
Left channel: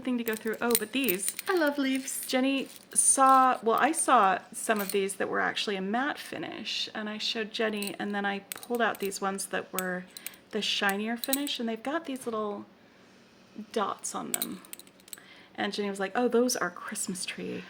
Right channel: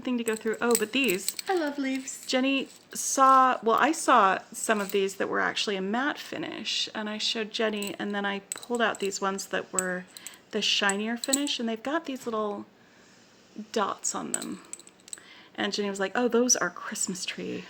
thing to go through. Oh, but these. I love leaves. Jenny I saw some of these that were actually a matte finish, and I showed Jenny, and then I pulled out these ones that were the shinier finish, and they've got these little dots on them. And Jenny was like, oh, those are Christmas tree.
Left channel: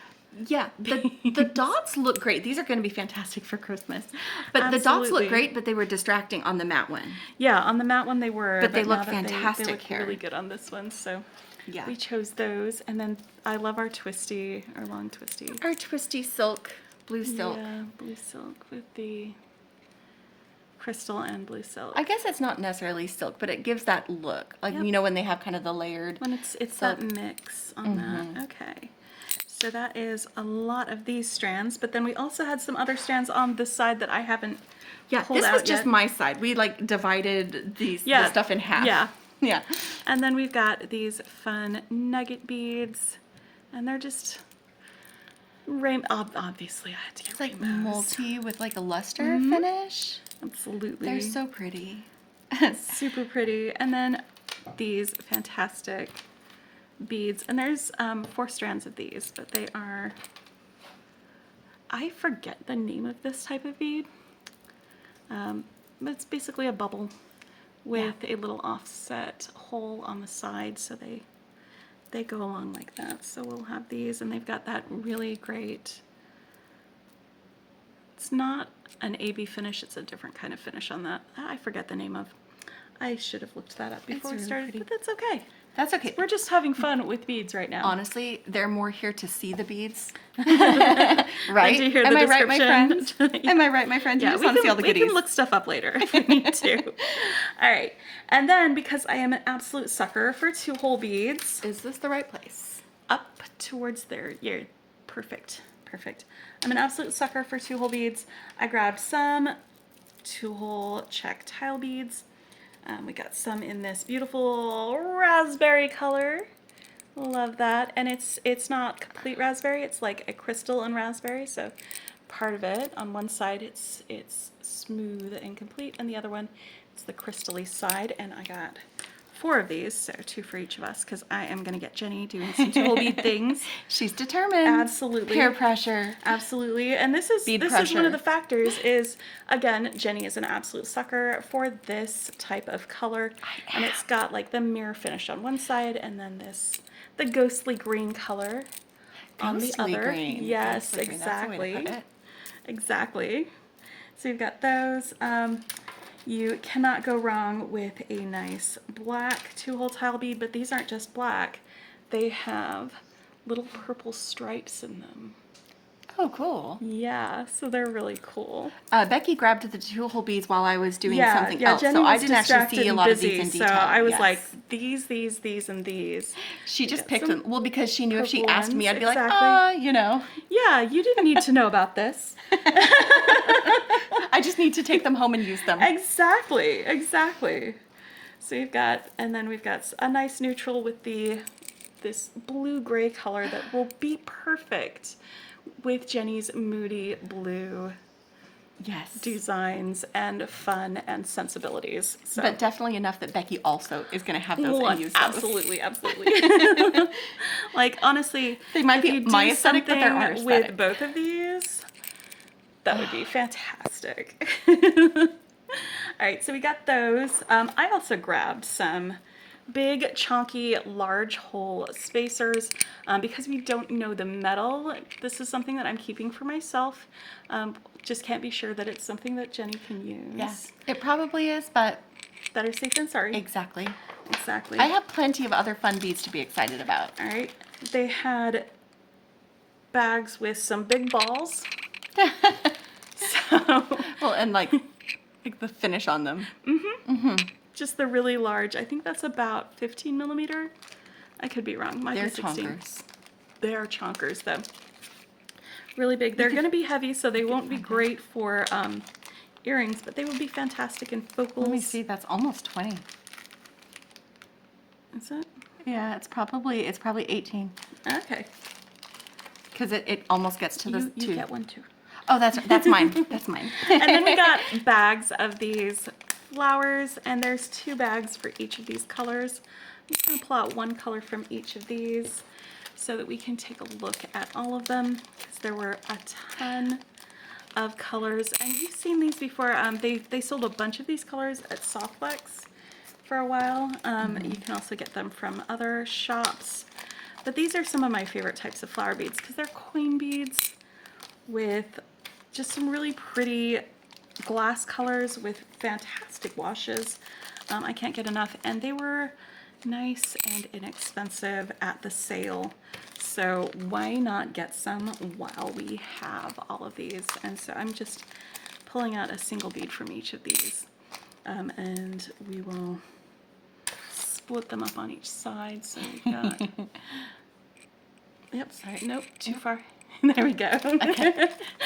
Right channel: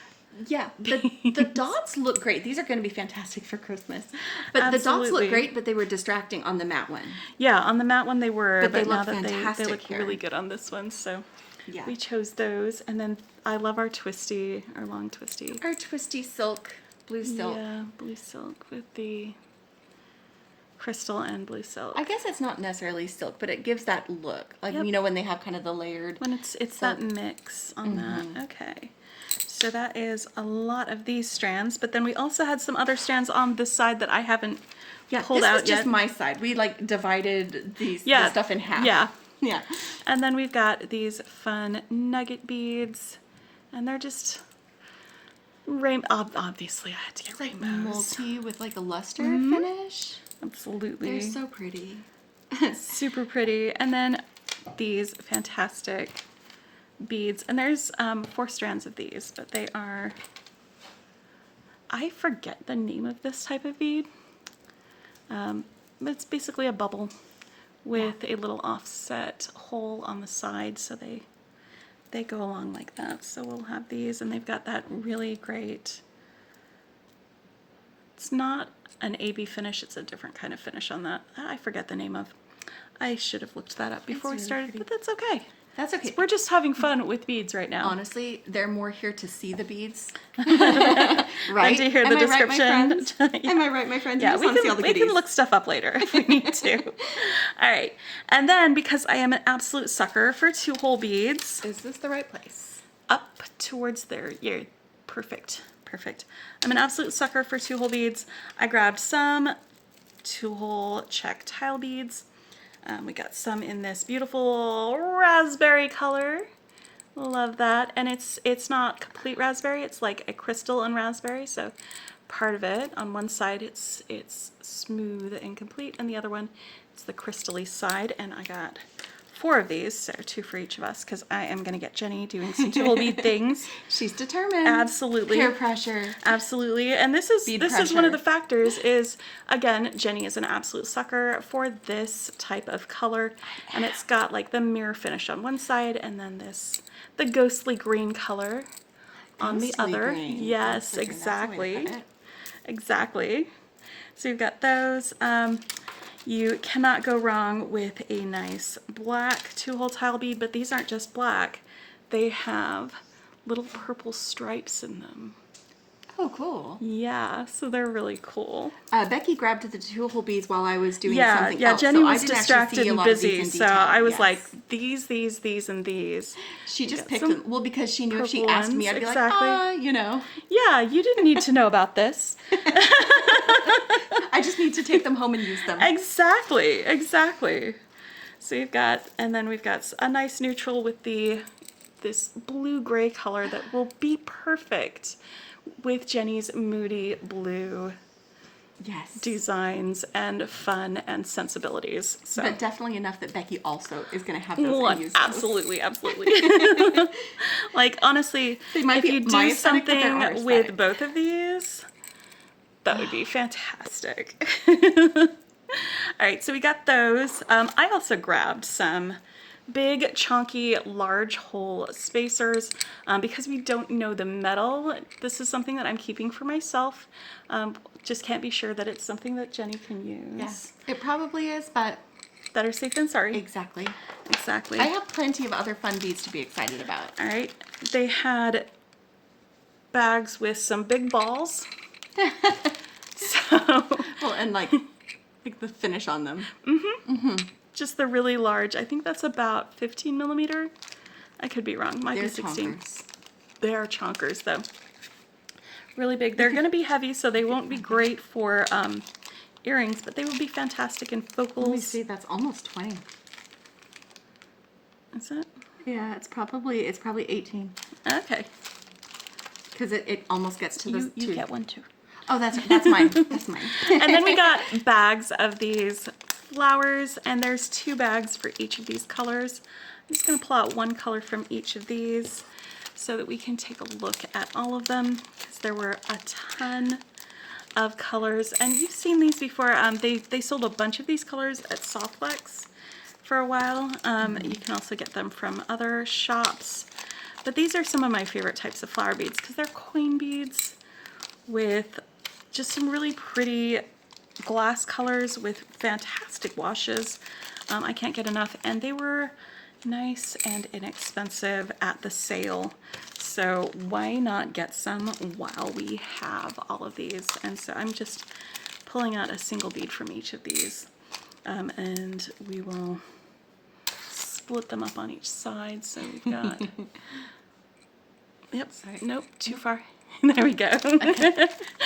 Yeah, the dots look great. These are going to be fantastic for Christmas. But the dots Absolutely. look great, but they were distracting on the matte one. Yeah, on the matte one they were, But they now look that fantastic they look here. really good on this one. So Yeah. we chose those. And then I love our twisty, our long twisty. Our twisty silk, blue silk. Yeah, blue silk with the crystal and blue silk. I guess it's not necessarily silk, but it gives that look. Like, Yep. you know, when they have kind of the layered. When it's that mix on that. Okay. So that is a lot of these strands, but then we also had some other strands on this side that I haven't pulled this out was just yet. my side. We like divided the stuff in half. Yeah. Yeah. And then we've got these fun nugget beads, and they're just obviously I had to get It's like rainbows. multi with like a luster finish. Absolutely. They're so pretty. Super pretty. And then these fantastic beads, and there's 4 strands of these, but they are, I forget the name of this type of bead. It's basically a bubble with a little offset hole on the side, so they go along like that. So we'll have these, and they've got that really great, it's not an AB finish, it's a different kind of finish on that. I forget the name of. I should have looked that up before we really started, pretty. but that's okay. That's okay. We're just having fun with beads right now. Honestly, they're more here to see the beads. Right? Right? To hear Am the I right, my description. friends? Am I right, my friends? You Yeah, just we want to see all the we goodies. can look stuff up later if we need to. All right. And then, because I am an absolute sucker for 2-hole beads, Is this the right place? up towards there. Yeah, perfect. Perfect. I'm an absolute sucker for 2-hole beads. I grabbed some 2-hole check tile beads. We got some in this beautiful raspberry color. Love that. And it's not complete raspberry. It's like a crystal and raspberry. So part of it, on one side it's smooth and complete, and the other one it's the crystally side. And I got 4 of these, so 2 for each of us, because I am going to get Jenny doing some 2-hole bead things. She's determined. Absolutely. Peer pressure. Absolutely. And this is Bead one pressure. of the factors is, again, Jenny is an absolute sucker for this type of color. And it's got like the mirror finish on one side, and then the ghostly green color on the Ghostly other. green. Yes, Ghostly green, that's the way to exactly. put it. Exactly. So you've got those. You cannot go wrong with a nice black 2-hole tile bead, but these aren't just black. They have little purple stripes in them. Oh, cool. Yeah, so they're really cool. Becky grabbed the 2-hole beads while I was doing Yeah, something yeah, else, Jenny so I was didn't actually distracted see a and lot of busy, these in so detail. I was Yes. like, these, and these. She just got picked some them. Well, because she knew if she purple asked me, ones, I'd be exactly. like, you know. Yeah, you didn't need to know about this. I just need to take them home and use them. Exactly. So you've got, and then we've got a nice neutral with this blue-gray color that will be perfect with Jenny's moody blue Yes. designs and fun and sensibilities. So. But definitely enough that Becky also is going to have those Well, and use those. absolutely. Like, honestly, They might if be you my do aesthetic, but they're our something with aesthetic. both of these, that would be fantastic. All right, so we got those. I also grabbed some big, chunky, large hole spacers because we don't know the metal. This is something that I'm keeping for myself. Just can't be sure that it's something that Jenny can use. Yes, it probably is, but Better safe than sorry. exactly. Exactly. I have plenty of other fun beads to be excited about. All right. They had bags with some big balls. So Well, and like the finish on them. just the really large. I think that's about 15 millimeter. I could be wrong. Might They're be 16. chonkers. They're chonkers though. Really big. They're going to be heavy, so they won't be great for earrings, but they would be fantastic in focals. Let me see. That's almost 20. Is it? Yeah, it's probably 18 Okay. because it almost gets to the You two. get one too. Oh, that's mine. That's mine. And then we got bags of these flowers, and there's 2 bags for each of these colors. I'm just going to pull out one color from each of these so that we can take a look at all of them, because there were a ton of colors. And you've seen these before. They sold a bunch of these colors at Softflex for a while. You can also get them from other shops. But these are some of my favorite types of flower beads because they're coin beads with just some really pretty glass colors with fantastic washes. I can't get enough, and they were nice and inexpensive at the sale. So why not get some while we have all of these? And so I'm just pulling out a single bead from each of these, and we will split them up on each side. So we've got, yep, Sorry. nope, too far. There we go.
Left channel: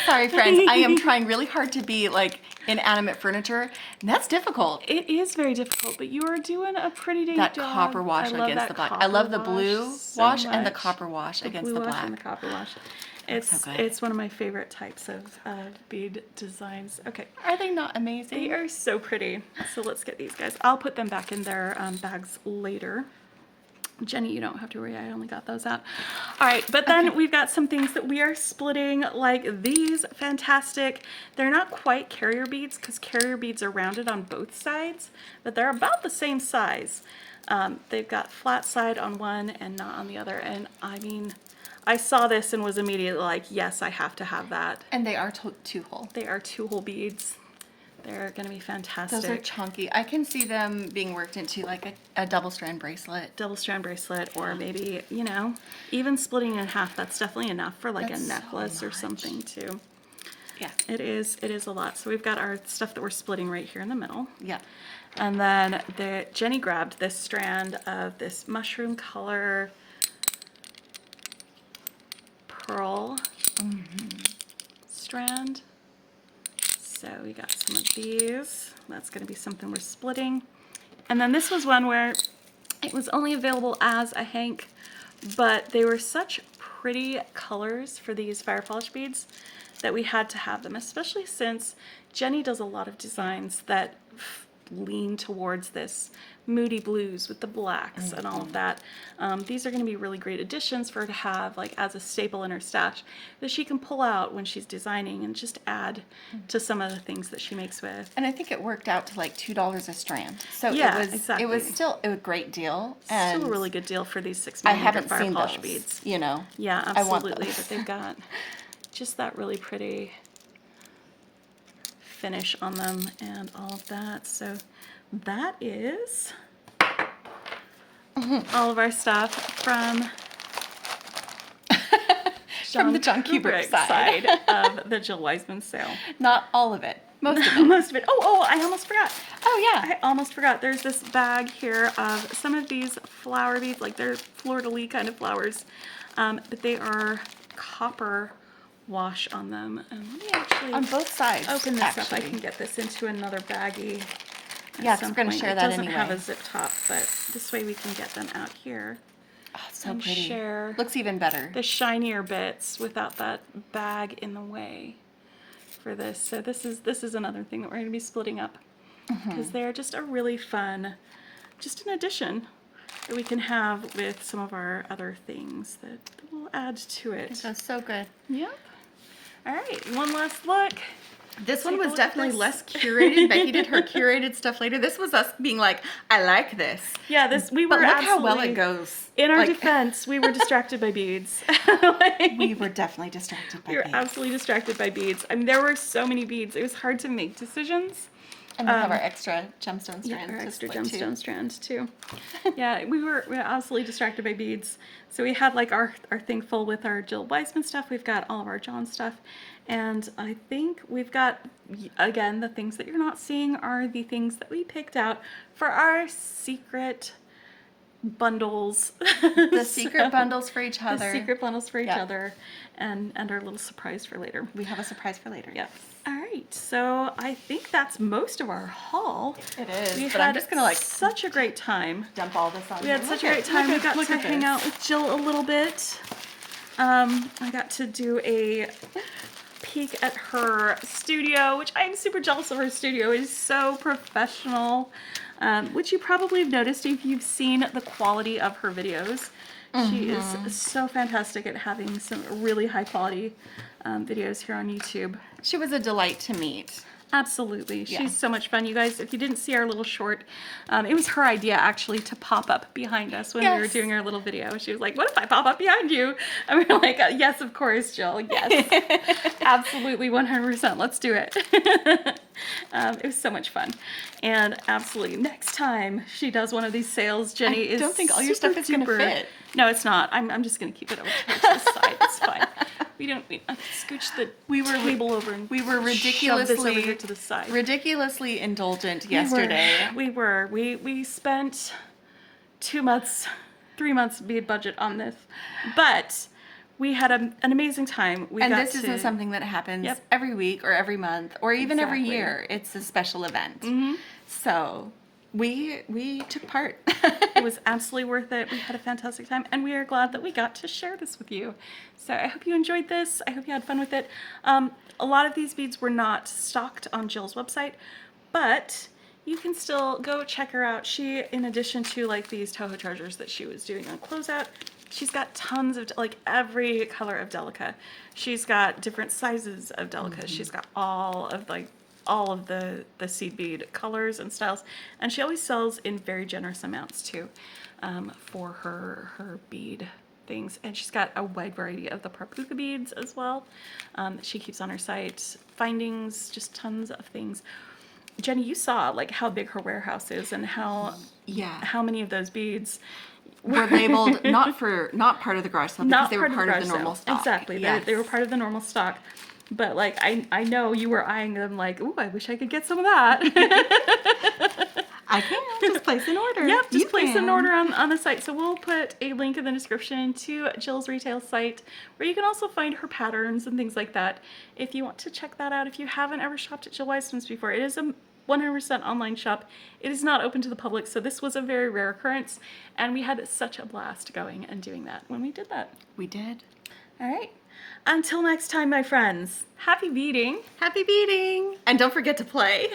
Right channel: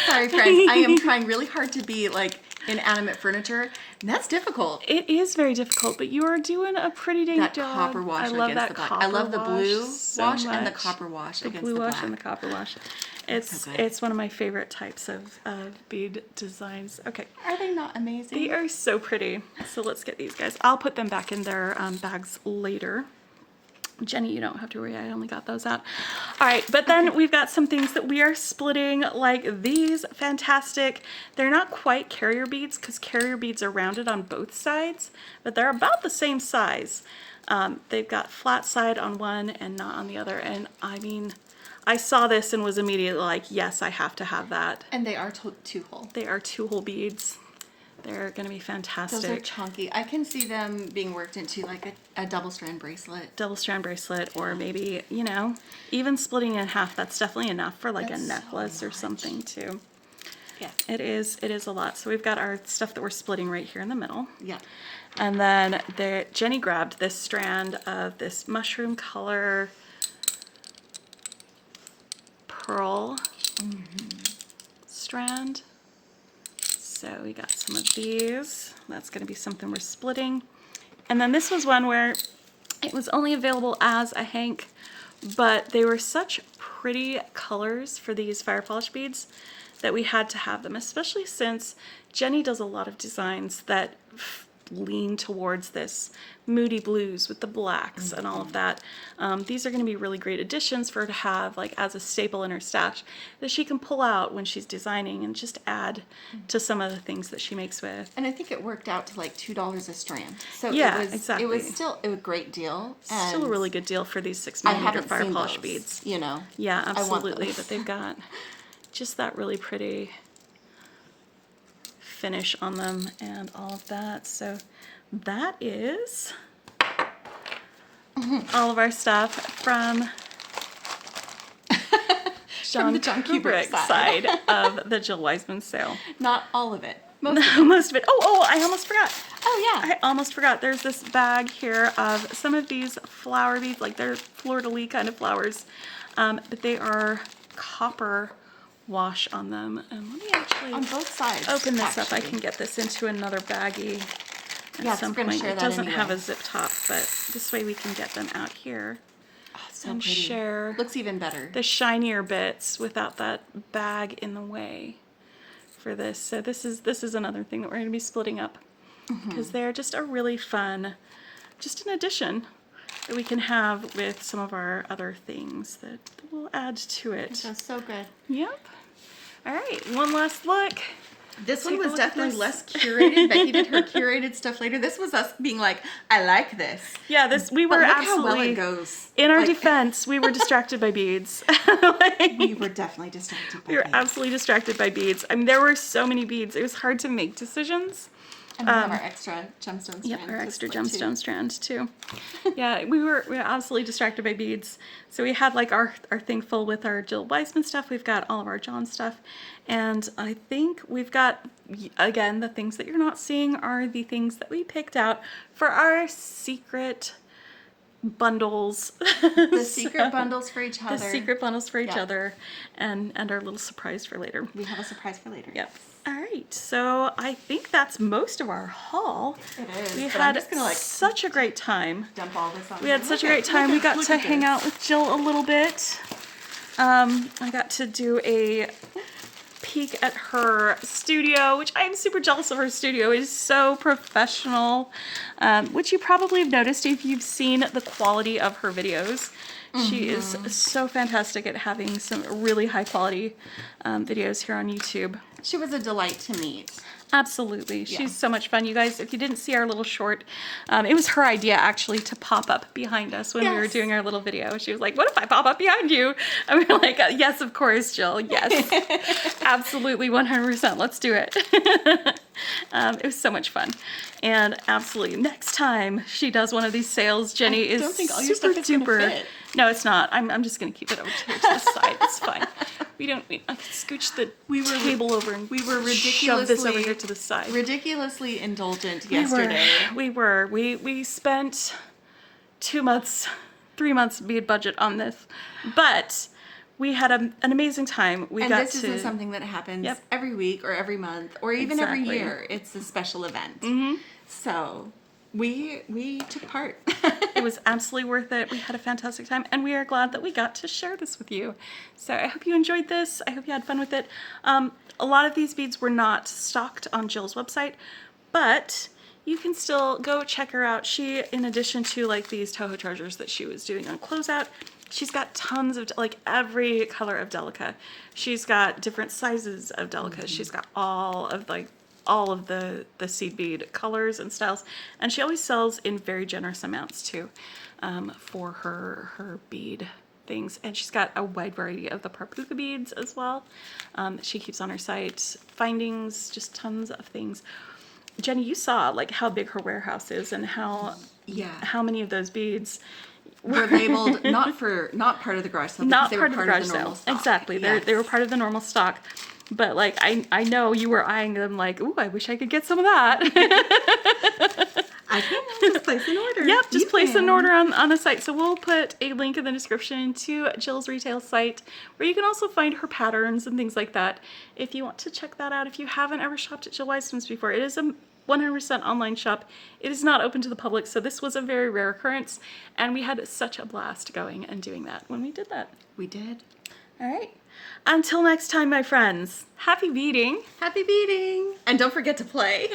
Sorry, friends. I am trying really hard to be like inanimate furniture, and that's difficult. It is very difficult, but you are doing a pretty dang That job. copper wash I love against that the black. copper I love the blue so wash and the much. copper wash The against blue the wash black. and the copper wash. so good. It's one of my favorite types of bead designs. Okay, Are they not amazing? they are so pretty. So let's get these guys. I'll put them back in their bags later. Jenny, you don't have to worry, I only got those out. All right, but then we've got some things that we are splitting, like these fantastic. They're not quite carrier beads because carrier beads are rounded on both sides, but they're about the same size. They've got flat side on one and not on the other. And I mean, I saw this and was immediately like, yes, I have to have that. And they are two-hole. They are 2-hole beads. They're going to be fantastic. Those are chunky. I can see them being worked into like a double strand bracelet. Double strand bracelet, or maybe, you know, even splitting in half. That's definitely enough for like That's a so necklace or much. something too. Yeah. It is a lot. So we've got our stuff that we're splitting right here in the middle. Yeah. And then Jenny grabbed this strand of this mushroom color pearl strand. So we got some of these. That's going to be something we're splitting. And then this was one where it was only available as a hank, but they were such pretty colors for these fire polish beads that we had to have them, especially since Jenny does a lot of designs that lean towards this moody blues with the blacks and all of that. These are going to be really great additions for her to have like as a staple in her stash that she can pull out when she's designing and just add to some of the things that she makes with. And I think it worked out to like $2 a strand. So Yeah, it was exactly. it was still a great deal. And Still a really good deal for these 6 I millimeter haven't fire seen polish those, beads. you know. Yeah, I want absolutely. those. But they've got just that really pretty finish on them and all of that. So that is all of our stuff from From the Jon Kubricht side. of the Jill Wiseman sale. Not all of it. Most of it. Most of it. Oh, I almost forgot. Oh yeah. I almost forgot. There's this bag here of some of these flower beads, like they're fleur-de-lis kind of flowers, but they are copper wash on them. And let me actually On both sides. open this up. I actually. can get this into another baggie. Yeah, At some 'cause we're gonna point. share It that doesn't have a anyway. zip top, but this way we can get them out here Oh, so and pretty. share Looks even better. the shinier bits without that bag in the way for this. So this is another thing that we're going to be splitting up because they're just a really fun, just an addition that we can have with some of our other things that will add to it. That's so good. Yep. All right, one last look. This one Take a was look at definitely this. less curated. Becky did her curated stuff later. This was us being like, I like this. Yeah, we But were look how well absolutely it goes. in our Like, defense. We were distracted by beads. we were definitely distracted by We were beads. absolutely distracted by beads. I mean, there were so many beads. It was hard to make decisions. And we have our extra gemstone strand. Yeah, our to extra split, too. gemstone strand too. Yeah, we were absolutely distracted by beads. So we had like our thing full with our Jill Wiseman stuff. We've got all of our Jon stuff. And I think we've got, again, the things that you're not seeing are the things that we picked out for our secret bundles. The secret bundles for each other. The secret bundles for each Yeah. other and our little surprise for later. We have a surprise for later. Yep. All right, so I think that's most of our haul. It is. We but had I'm just gonna like such a great time. dump all this on. We had such a great time. We got to hang out with Jill a little bit. I got to do a peek at her studio, which I'm super jealous of. Her studio. It is so professional, which you probably have noticed if you've seen the quality of her videos. She is so fantastic at having some really high quality videos here on YouTube. She was a delight to meet. Absolutely. Yeah. She's so much fun. You guys, if you didn't see our little short, it was her idea actually to pop up behind us when we were Yes. doing our little video. She was like, what if I pop up behind you? And we were like, yes, of course, Jill. Yes. Absolutely, 100%. Let's do it. It was so much fun. And absolutely, next time she does one of these sales, Jenny is don't think all your stuff is gonna fit. No, it's not. I'm just going to keep it over here to the side. It's fine. We don't need to scooch the table over and we were shove this over here to the side. ridiculously indulgent yesterday. We spent 2 months, 3 months bead budget on this, but we had an amazing time. This isn't something that happens every week or every month or even every Exactly. year. It's a special event. So we took part. It was absolutely worth it. We had a fantastic time, and we are glad that we got to share this with you. So I hope you enjoyed this. I hope you had fun with it. A lot of these beads were not stocked on Jill's website, but you can still go check her out. She, in addition to like these Toho treasures that she was doing on closeout, she's got tons of like every color of Delica. She's got different sizes of Delica. She's got all of the seed bead colors and styles, and she always sells in very generous amounts too, for her bead things. And she's got a wide variety of the Parpuka beads as well. She keeps on her site findings, just tons of things. Jenny, you saw like how big her warehouse is and how many of those beads were labeled not part of the garage sale, because they were part of the normal stock. Exactly, Yes. they were part of the normal stock. But like I know you were eyeing them like, ooh, I wish I could get some of that. I can just place an order. Yep, just place an order on the site. So we'll put a link in the description to Jill's retail site, where you can also find her patterns and things like that. If you want to check that out, if you haven't ever shopped at Jill Wiseman's before, it is a 100% online shop. It is not open to the public, so this was a very rare occurrence, and we had such a blast going and doing that when we did that. We did. All right. Until next time, my friends, happy beading. Happy beading. And don't forget to play.